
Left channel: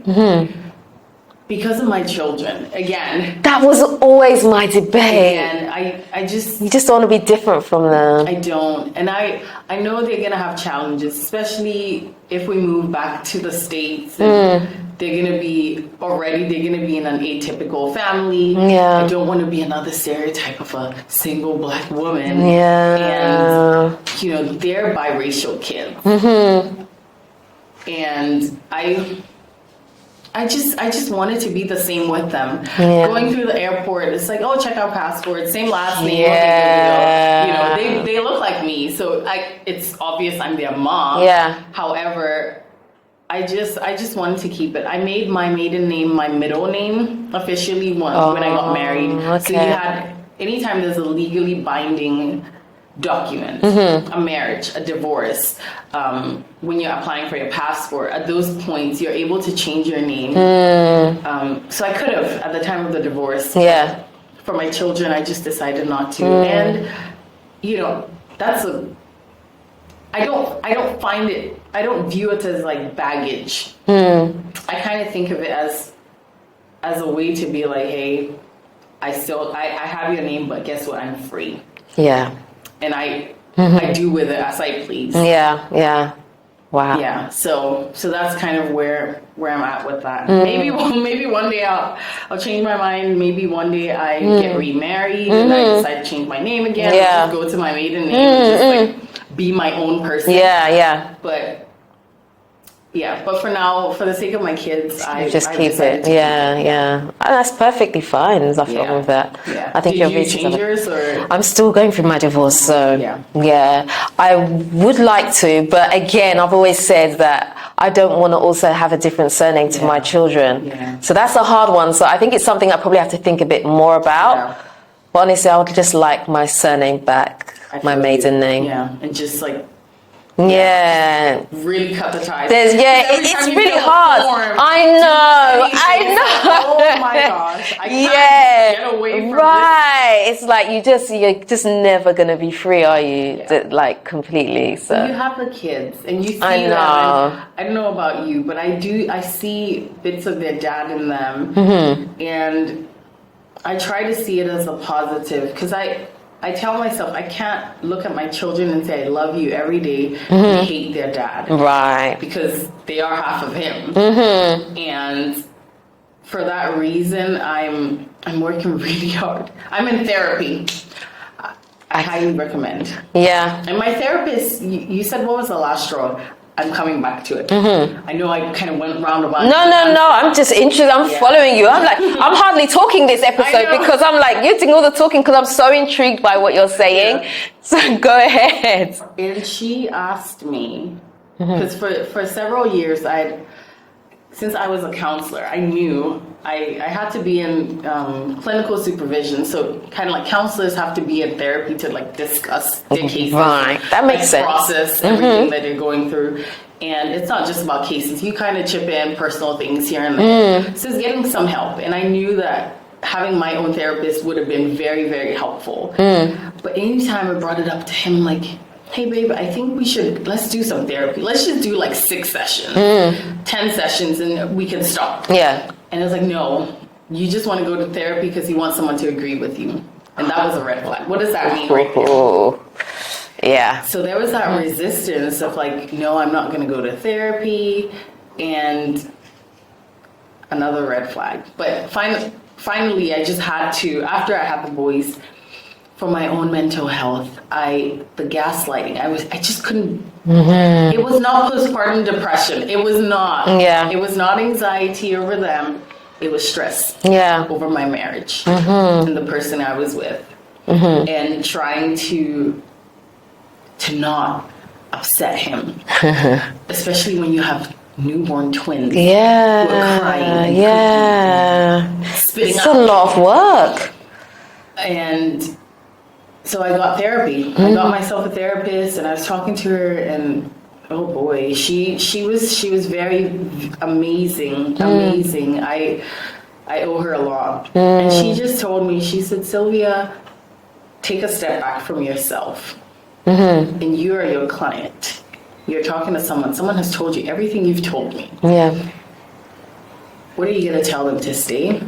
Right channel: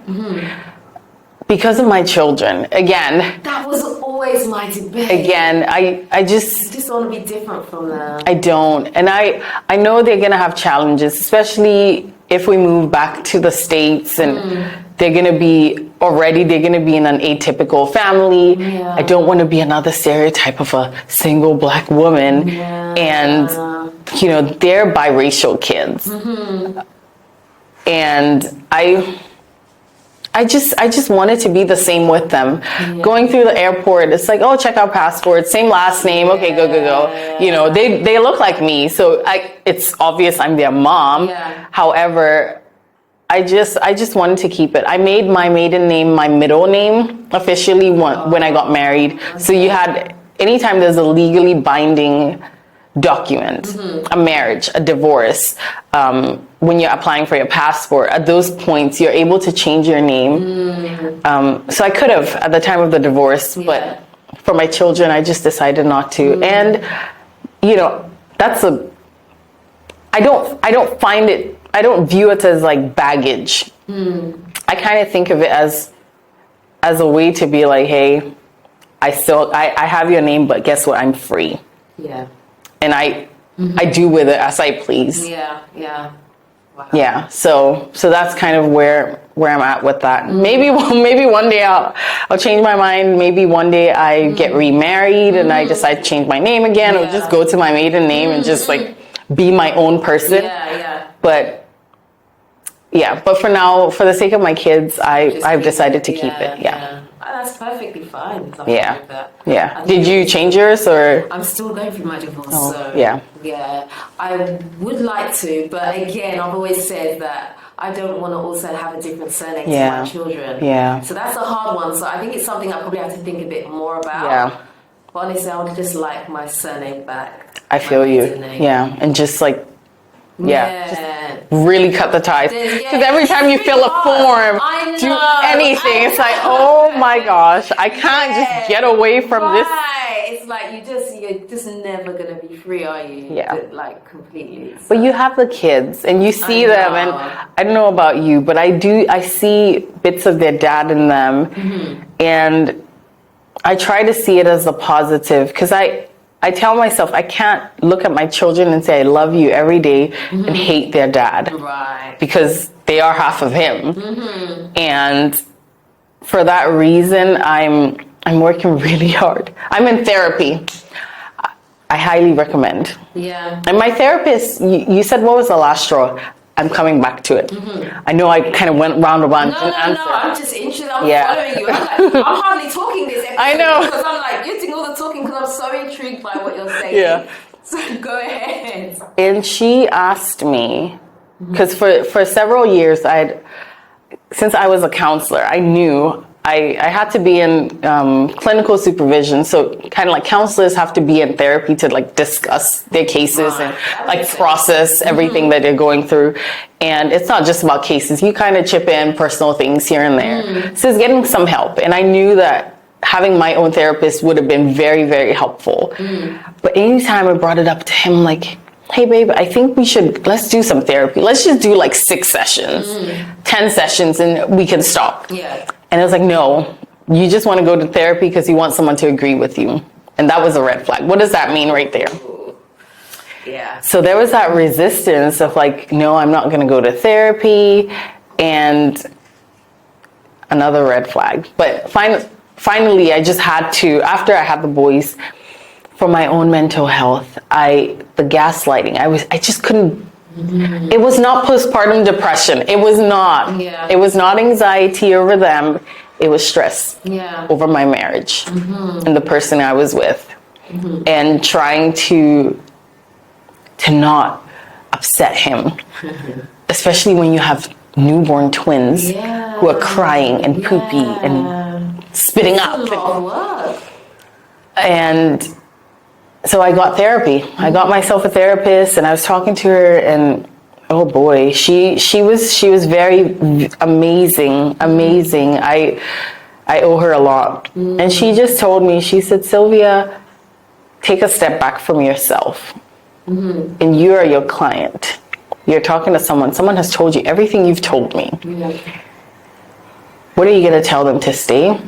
Because of my children. Again, that was always my debate. Again, I just... You just don't want to be different from them. I don't. And I know they're going to have challenges, especially if we move back to the States and, they're going to be in an atypical family. Yeah. I don't want to be another stereotype of a single black woman. Yeah. And, you know, they're biracial kids. And I just wanted to be the same with them. Yeah. Going through the airport, it's like, oh, check out passport, same last name, okay, go. You know, they look like me, so it's obvious I'm their mom. Yeah. However, I just wanted to keep it. I made my maiden name my middle name officially when I got married. Okay. So you had, anytime there's a legally binding document, a marriage, a divorce, when you're applying for your passport, at those points you're able to change your name. So I could have at the time of the divorce, but for my children I just decided not to. And you know, I don't view it as like baggage. I kind of think of it as a way to be like, hey, I have your name, but guess what, I'm free. Yeah. And I do with it as I please. Yeah. Wow. Yeah. So that's kind of where I'm at with that. Maybe one day I'll change my mind. Maybe one day I get remarried and I decide to change my name again. Yeah. I'll just go to my maiden name and just like be my own person. Yeah. But for now, for the sake of my kids, I've decided to keep it. Yeah. Oh, that's perfectly fine. There's nothing wrong with that. Yeah. I think Did you change yours or? I'm still going through my divorce, so yeah. I would like to, but again, I've always said that I don't want to also have a different surname to my children. Yeah. So that's a hard one. So I think it's something I probably have to think a bit more about. Yeah. But honestly, I would just like my surname back, my feel maiden you. name. Yeah, and just like. Yeah. Really cut the ties. Because every it's time you really fill hard. a form, I know, do anything, it's like, oh my gosh, I can't just get away from this. Right. It's like you're just never gonna be free, are you? Yeah. Like completely. So. But you have the kids and you see them, and I don't know about you, but I see bits of their dad in them, and I try to see it as a positive, because I tell myself I can't look at my children and say I love you every day and hate their dad. Right. Because they are half of him. And for that reason, I'm working really hard. I'm in therapy. I highly recommend. Yeah. And my therapist, you said, what was the last straw? I'm coming back to it. I know I kind of went roundabout. No. I'm just interested. I'm following you. I'm like, I'm hardly talking this episode because I'm like, you're doing all the talking because I'm so intrigued by what you're saying. Yeah. So go ahead. And she asked me, because for several years, since I was a counselor, I knew I had to be in clinical supervision. So kind of like counselors have to be in therapy to like discuss their cases and that makes sense. Process everything that they're going through. And it's not just about cases. You kind of chip in personal things here and there. So it's getting some help. And I knew that having my own therapist would have been very, very helpful. But anytime I brought it up to him, like, hey babe, I think let's do some therapy. Let's just do like 6 sessions, 10 sessions, and we can stop. Yeah. And I was like, no, you just want to go to therapy because you want someone to agree with you. And that was a red flag. What does that mean right there? Ooh. Yeah. So there was that resistance of like, no, I'm not going to go to therapy. And another red flag. But finally, I just had to, after I had the boys, for my own mental health, the gaslighting, I just couldn't. It was not postpartum depression. It was not. Yeah. It was not anxiety over them. It was stress. Yeah. Over my marriage and the person I was with, and trying to not upset him, especially when you have newborn twins who are crying and poopy and spitting it's up. It's a lot of work. And so I got therapy. I got myself a therapist, and I was talking to her, and oh boy, she was very amazing. I owe her a lot. And she just told me, she said, Sylvia, take a step back from yourself. And you are your client. You're talking to someone. Someone has told you everything you've told me. Yeah. What are you going to tell them, to stay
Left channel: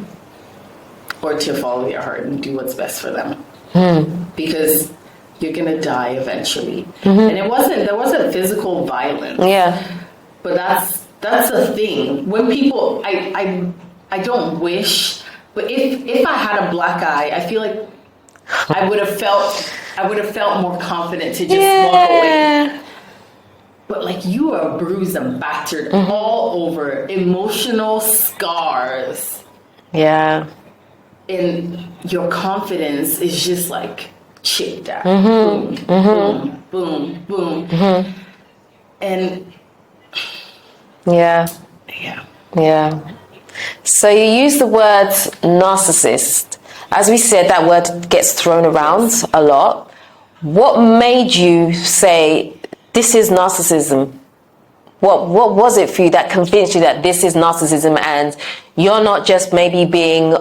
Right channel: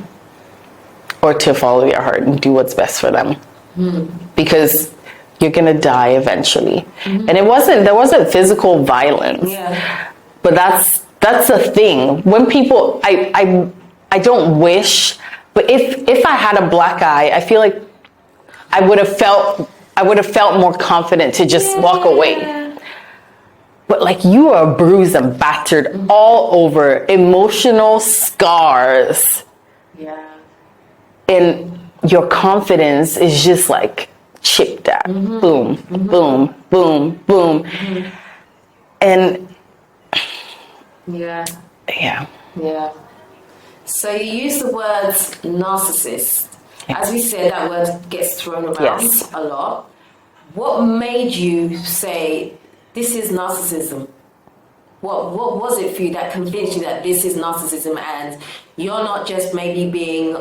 or to follow your heart and do what's best for them? Because you're going to die eventually. And there wasn't physical violence. Yeah. But that's that's the thing. When people, I don't wish, but if I had a black eye, I feel like I would have felt more confident to just walk away. But like, you are bruised and battered all over, emotional scars. Yeah. And your confidence is just like chipped at. Boom, boom, boom, boom. And yeah. So you use the word narcissist. As we said, that word gets thrown around a lot. What made you say, this is narcissism? What was it for you that convinced you that this is narcissism and you're not just maybe being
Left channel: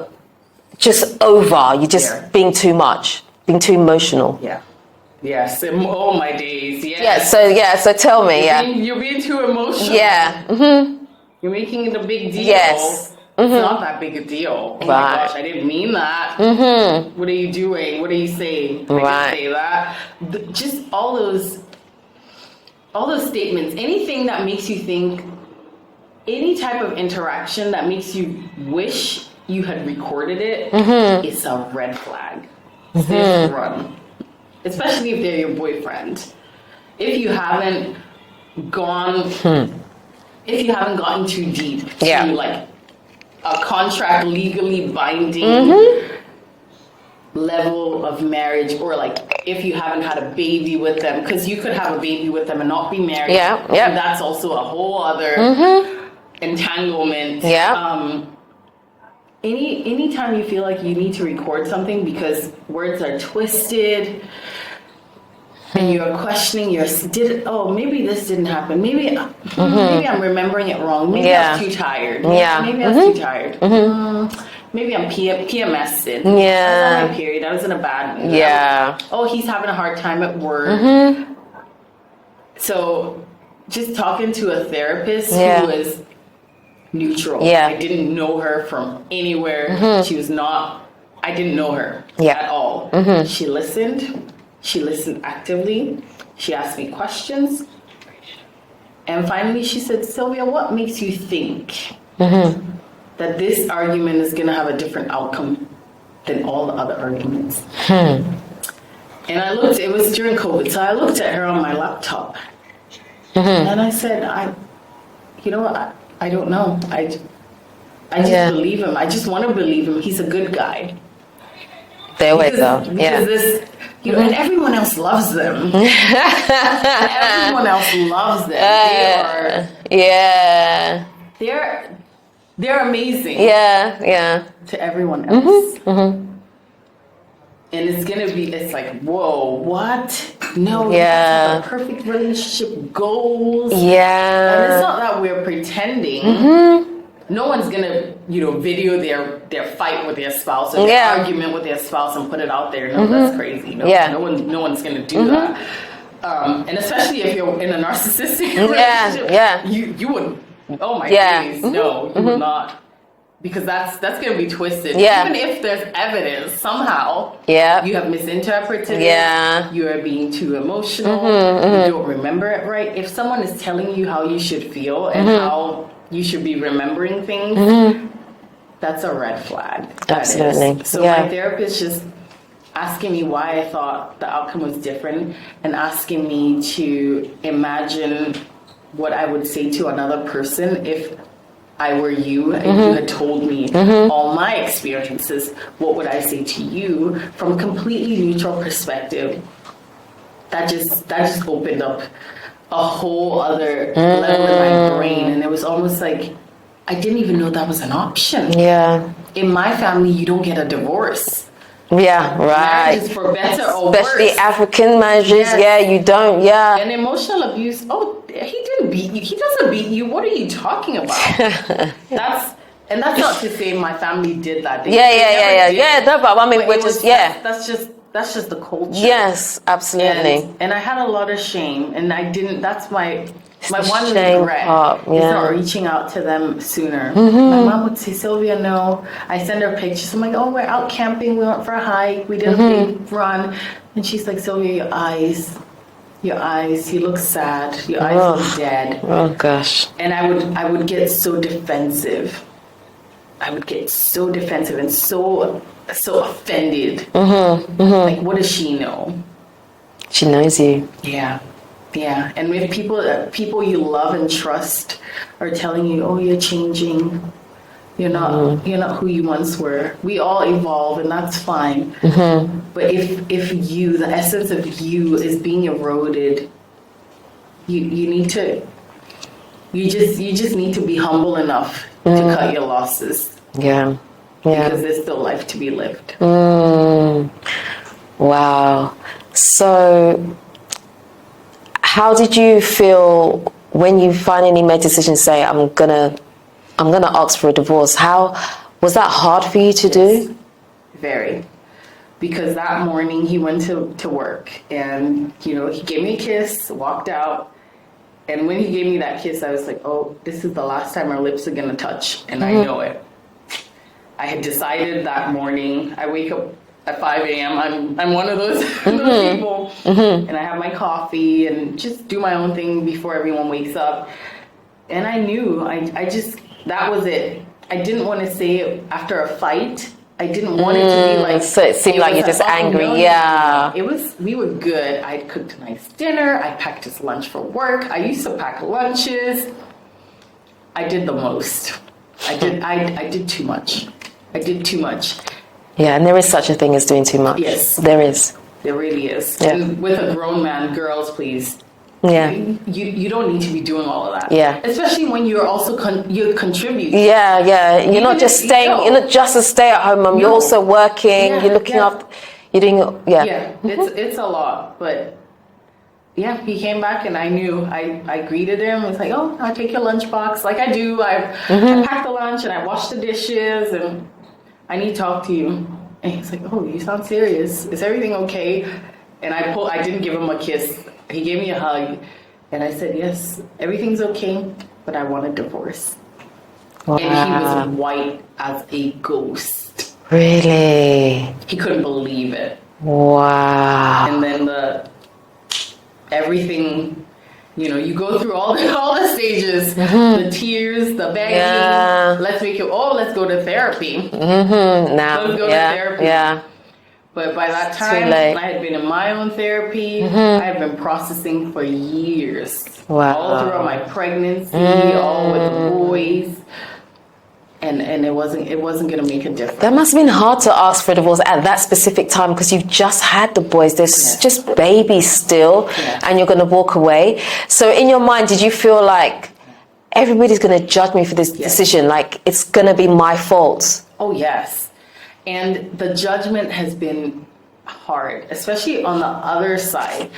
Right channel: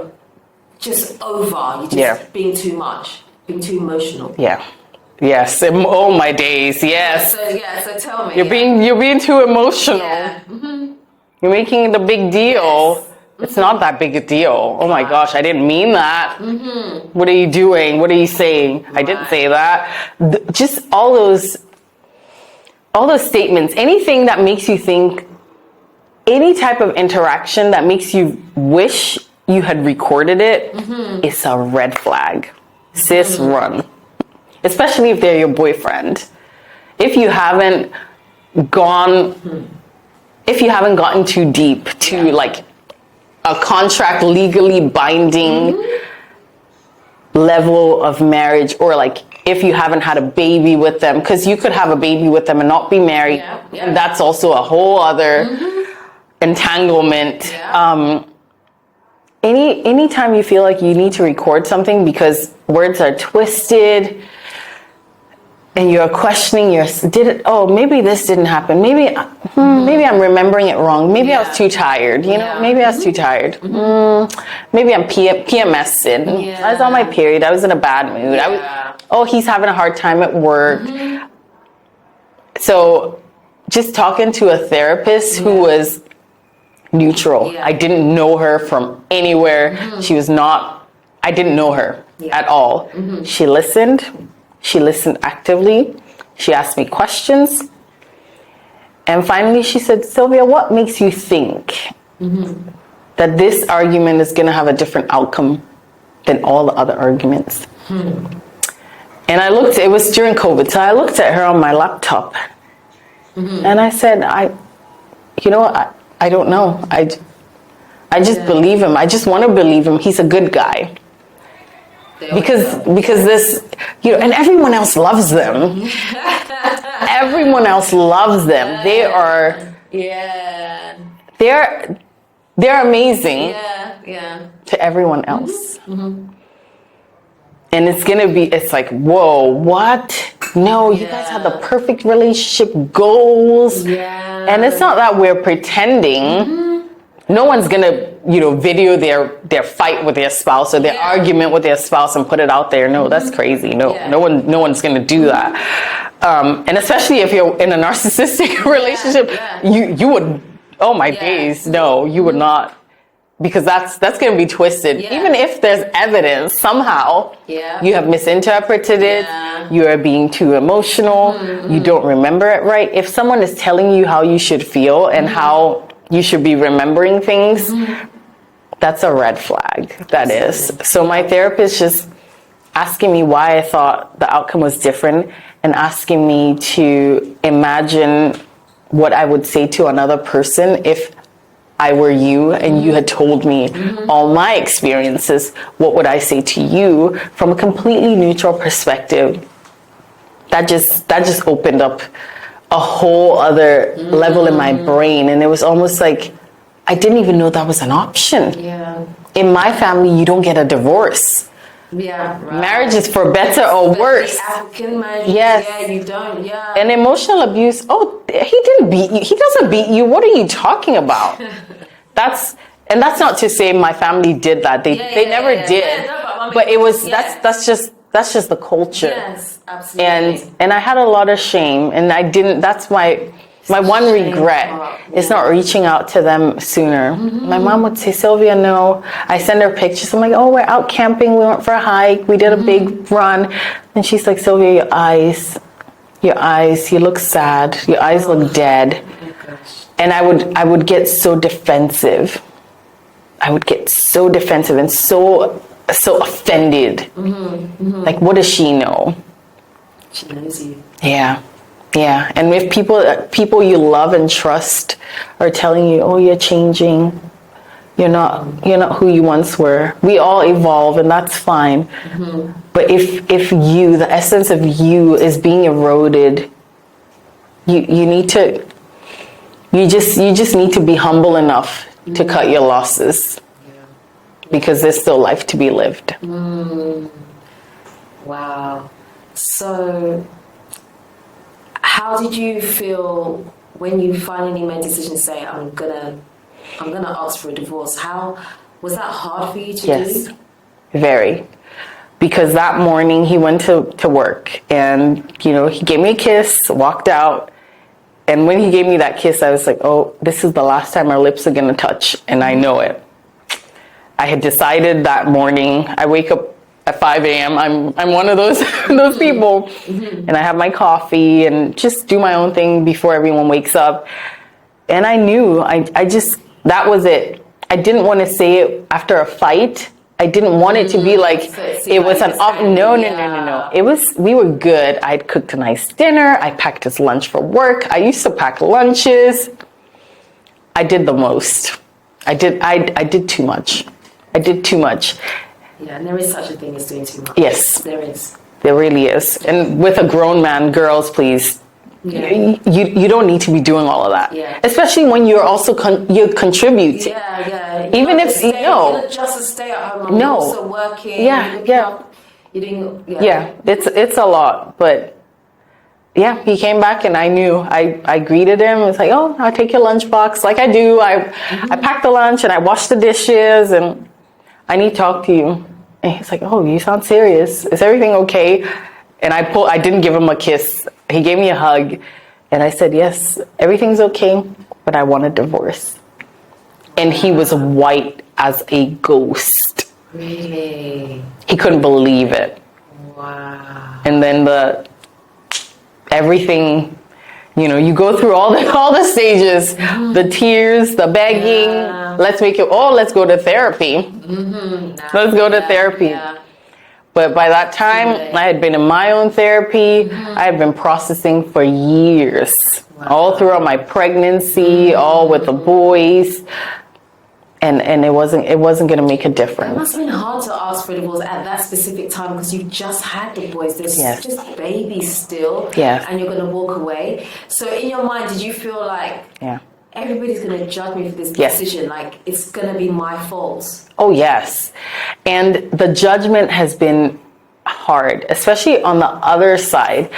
just over, you're just being too much, being too emotional? Yeah. Yes. Oh, my days. Yes. So tell me. You're being too emotional. Yeah. You're making it a big deal. Yes. It's not that big a deal. Oh my gosh, I didn't mean that. What are you doing? What are you saying? I didn't say that. Just all those statements, anything that makes you think, any type of interaction that makes you wish you had recorded it, is a red flag. Sis, run. Especially if they're your boyfriend. If you haven't gotten too deep to like a contract legally binding level of marriage, or like if you haven't had a baby with them, because you could have a baby with them and not be married. And that's also a whole other entanglement. Anytime you feel like you need to record something because words are twisted and you're questioning maybe this didn't happen, maybe I'm remembering it wrong, maybe I was too tired, maybe I was too tired, maybe I'm PMSing, I was on my period, I was in a bad mood, he's having a hard time at work. So just talking to a therapist who was neutral. I didn't know her from anywhere. I didn't know her at all. She listened actively. She asked me questions. And finally she said, Sylvia, what makes you think that this argument is going to have a different outcome than all the other arguments? And it was during COVID, so I looked at her on my laptop. And I said, I don't know. I just believe him. I just want to believe him. He's a good guy. Because this, and everyone else loves them. Everyone else loves them. They're amazing. To everyone else. And it's like, whoa, what? No, you guys have the perfect relationship goals. And it's not that we're pretending. No one's gonna, video their fight with their spouse or their argument with their spouse and put it out there. No, that's crazy. No one's gonna do that. And especially if you're in a narcissistic relationship, you would. Oh my days, no, you would not. Because that's going to be twisted. Even if there's evidence, somehow you have misinterpreted it. You are being too emotional. You don't remember it right. If someone is telling you how you should feel and how you should be remembering things, that's a red flag. That is. So my therapist just asking me why I thought the outcome was different and asking me to imagine what I would say to another person if I were you and you had told me all my experiences, what would I say to you from a completely neutral perspective? That just opened up a whole other level in my brain. And it was almost like, I didn't even know that was an option. In my family, you don't get a divorce. Marriage is for better or worse. Especially African marriages. You don't. And emotional abuse. Oh, he didn't beat you. He doesn't beat you. What are you talking about? That's not to say my family did that. They never did. But it was. That's just the culture. Yes, absolutely. And I had a lot of shame, and I didn't. That's my one regret is not reaching out to them sooner. My mom would say, Sylvia, no. I send her pictures. I'm like, oh, we're out camping. We went for a hike. We did a big run. And she's like, Sylvia, your eyes. your eyes, you look sad, your eyes look dead. Oh gosh. And I would get so defensive. I would get so defensive and so offended. Like, what does she know? She knows you. Yeah. And if people you love and trust are telling you, oh, you're changing, you're not who you once were. We all evolve, and that's fine. But if the essence of you is being eroded, you just need to be humble enough to cut your losses. Yeah. Because there's still life to be lived. Wow. So how did you feel when you finally made a decision to say, I'm gonna ask for a divorce? How was that hard for you to do? Very. Because that morning he went to work, and he gave me a kiss, walked out, and when he gave me that kiss, I was like, oh, this is the last time our lips are gonna touch, and I know it. I had decided that morning. I wake up at 5 a.m. I'm one of those people, and I have my coffee and just do my own thing before everyone wakes up. And I knew that was it. I didn't want to say it after a fight. I didn't want it to be like no. It was, we were good. I'd cooked a nice dinner. I packed his lunch for work. I used to pack lunches. I did the most. I did too much. I did too much. Yeah, and there is such a thing as doing too much. Yes. There is. There really is. Yeah. And with a grown man, girls, please. Yeah. You don't need to be doing all of that. Yeah. Especially when you're also you contribute. Yeah. You're not just staying. You're not just a stay-at-home mom. You're also working. Yeah. You're looking after. You're doing. Yeah. Yeah. It's a lot, but yeah, he came back and I knew. I greeted him. It's like, oh, I'll take your lunchbox, like I do. I packed the lunch and I washed the dishes, and I need to talk to you. And he's like, oh, you sound serious. Is everything okay? And I didn't give him a kiss. He gave me a hug. And I said, yes, everything's okay, but I want a divorce. Wow. And he was white as a ghost. Really? He couldn't believe it. Wow. And then everything, you go through all the stages, the tears, the begging. Let's go to therapy. Let's go to therapy. Yeah. But by that time, I had been in my own therapy. I had been processing for years. Wow. All throughout my pregnancy, all with the boys. And it wasn't going to make a difference. That must have been hard to ask for a divorce at that specific time, because you've just had the boys. There's just babies still, and you're going to walk away. So in your mind, did you feel like everybody's going to judge me for this decision? Like, it's going to be my fault? Oh, yes. And the judgment has been hard, especially on the other side,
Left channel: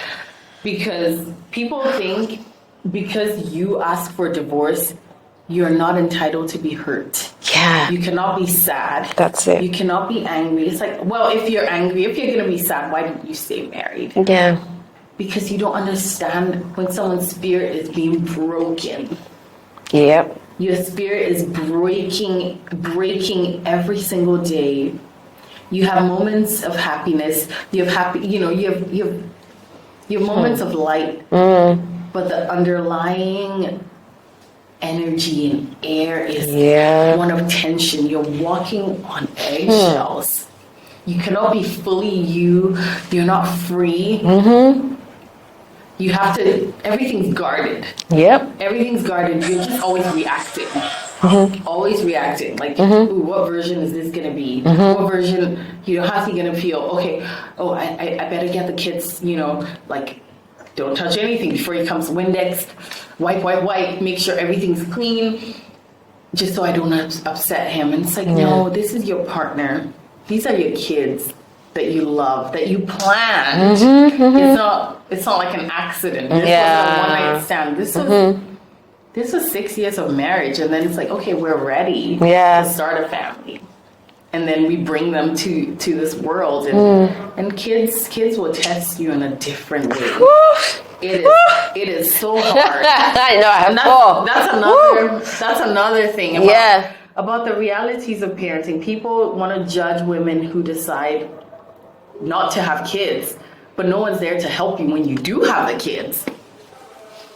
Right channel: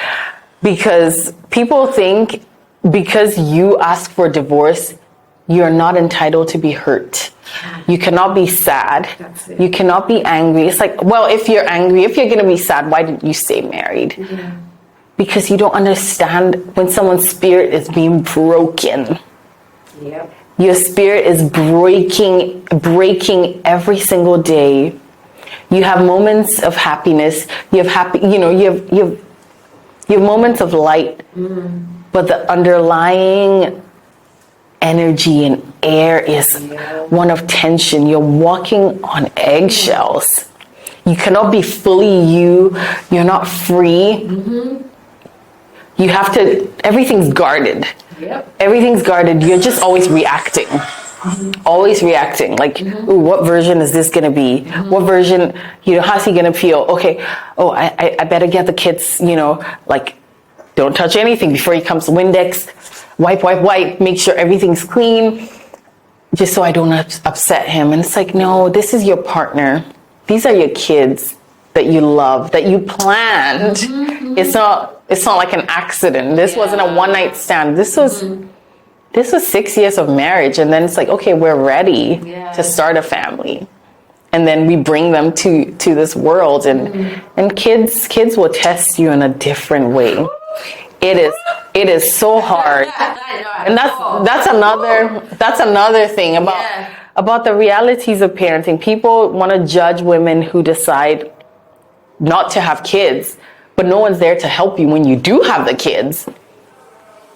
because people think because you ask for a divorce, you're not entitled to be hurt. Yeah. You cannot be sad. That's it. You cannot be angry. It's like, well, if you're angry, if you're going to be sad, why didn't you stay married? Yeah. Because you don't understand when someone's spirit is being broken. Yep. Your spirit is breaking every single day. You have moments of happiness. You have you have moments of light. But the underlying energy and air is one of tension. You're walking on eggshells. You cannot be fully you. You're not free. You have to, everything's guarded. Yep. Everything's guarded. You're just always reacting. Always reacting. Like, ooh, what version is this going to be? What version, how's he going to feel? Okay, I better get the kids, like, don't touch anything before he comes. Windex, wipe, make sure everything's clean, just so I don't upset him. And it's like, no, this is your partner. These are your kids that you love, that you planned. It's not like an accident. This wasn't a one-night stand. This was 6 years of marriage, and then it's like, okay, we're ready to start a family. And then we bring them to this world, and kids will test you in a different way. It is so hard. I know. And that's another thing about the realities of parenting. People want to judge women who decide not to have kids, but no one's there to help you when you do have the kids.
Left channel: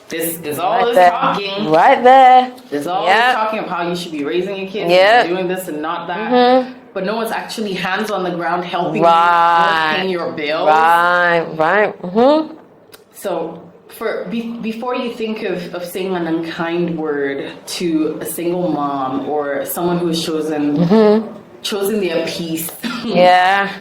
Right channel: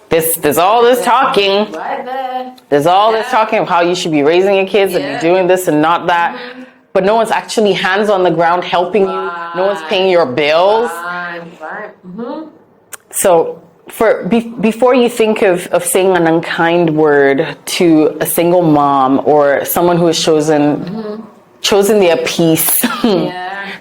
There's all this talking. Right there. There's all this talking of how you should be raising your kids and you're doing this and not that. But no one's actually hands on the ground helping you. No one's paying your bills. Right. So before you think of saying an unkind word to a single mom or someone who has chosen their peace.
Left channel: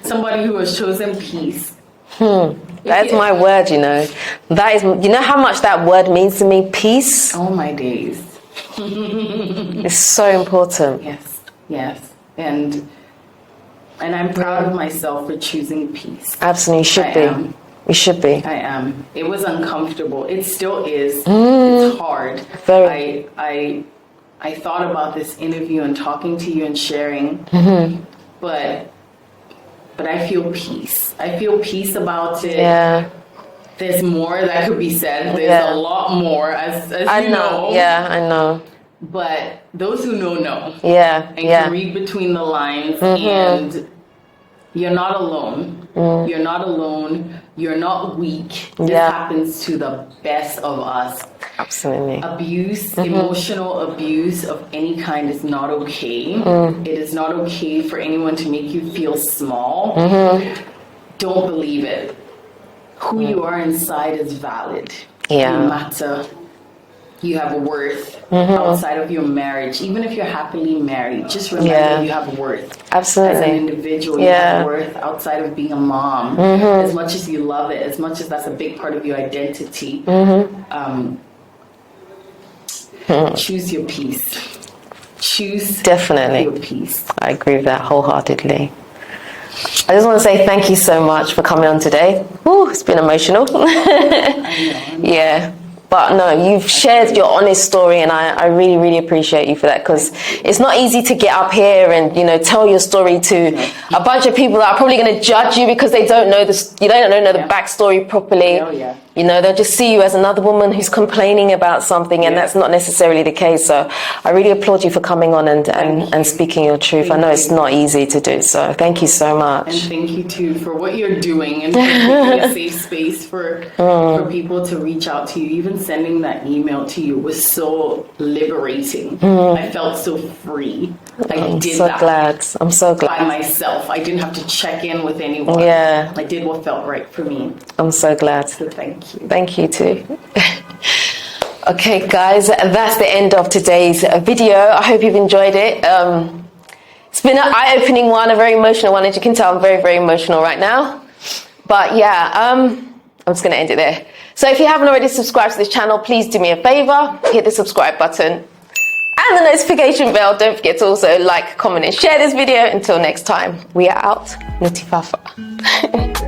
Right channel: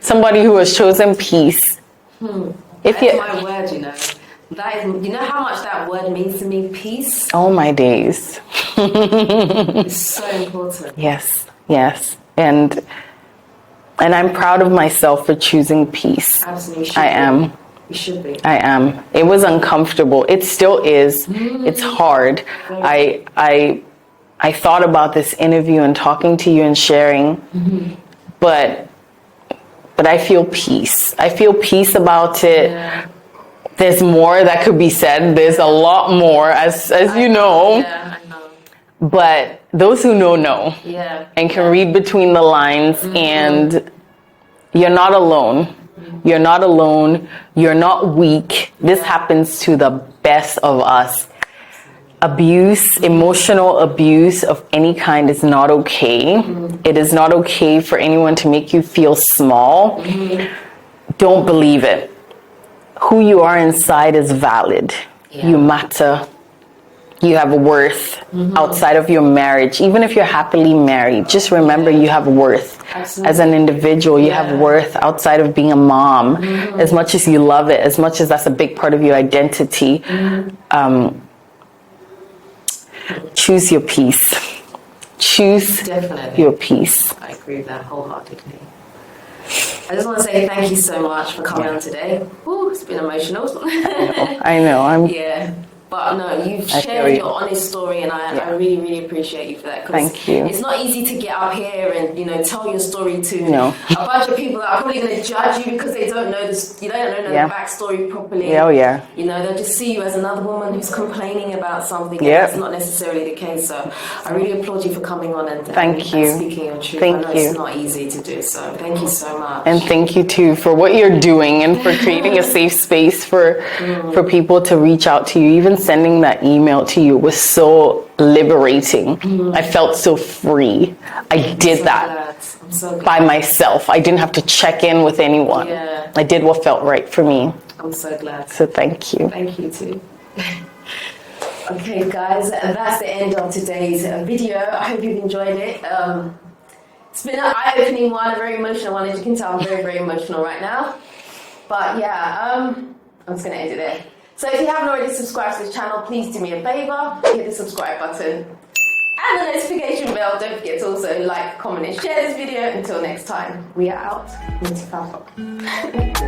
Somebody who has chosen peace. That's my word, you know. That is, you know how much that word means to me? Peace. Oh my days. It's so important. Yes. And I'm proud of myself for choosing peace. Absolutely, you should be. I am. It was uncomfortable. It still is. It's hard. I thought about this interview and talking to you and sharing, but I feel peace. I feel peace about it. Yeah. There's more that could be said. There's a lot more, as you know. Yeah, I know. But those who know. Yeah. And can read between the lines. And you're not alone. You're not alone. You're not weak. This happens to the best of us. Absolutely. Abuse, emotional abuse of any kind is not okay. It is not okay for anyone to make you feel small. Don't believe it. Who you are inside is valid. You matter. You have worth outside of your marriage. Even if you're happily married, just remember you have worth. Absolutely. As an individual, you have worth outside of being a mom. As much as you love it, as much as that's a big part of your identity, choose your peace. Choose your peace. I agree with that wholeheartedly. I just want to say thank you so much for coming on today. Ooh, it's been emotional. I know. But no, you've shared your honest story, and I really, really appreciate you for that, because it's not easy to get up here and, you know, tell your story to a bunch of people that are probably going to judge you because they don't know the backstory properly. You know, they'll just see you as another woman who's complaining about something, and that's not necessarily the case. So I really applaud you for coming on and speaking your truth. I know it's not easy to do, so thank you so much. And thank you too for what you're doing and for creating a safe space for people to reach out to you. Even sending that email to you was so liberating. I felt so free. I'm so glad. By myself. I didn't have to check in with anyone. I did what felt right for me. I'm so glad. So thank you. Thank you too. Okay, guys, that's the end of today's video. I hope you've enjoyed it. It's been an eye-opening one, a very emotional one. As you can tell, I'm very, very emotional right now. But I'm just going to end it there. So if you haven't already subscribed to this channel, please do me a favor, hit the subscribe button and the notification bell. Don't forget to also like, comment and share this video. Until next time, we are out. Nutitfafa.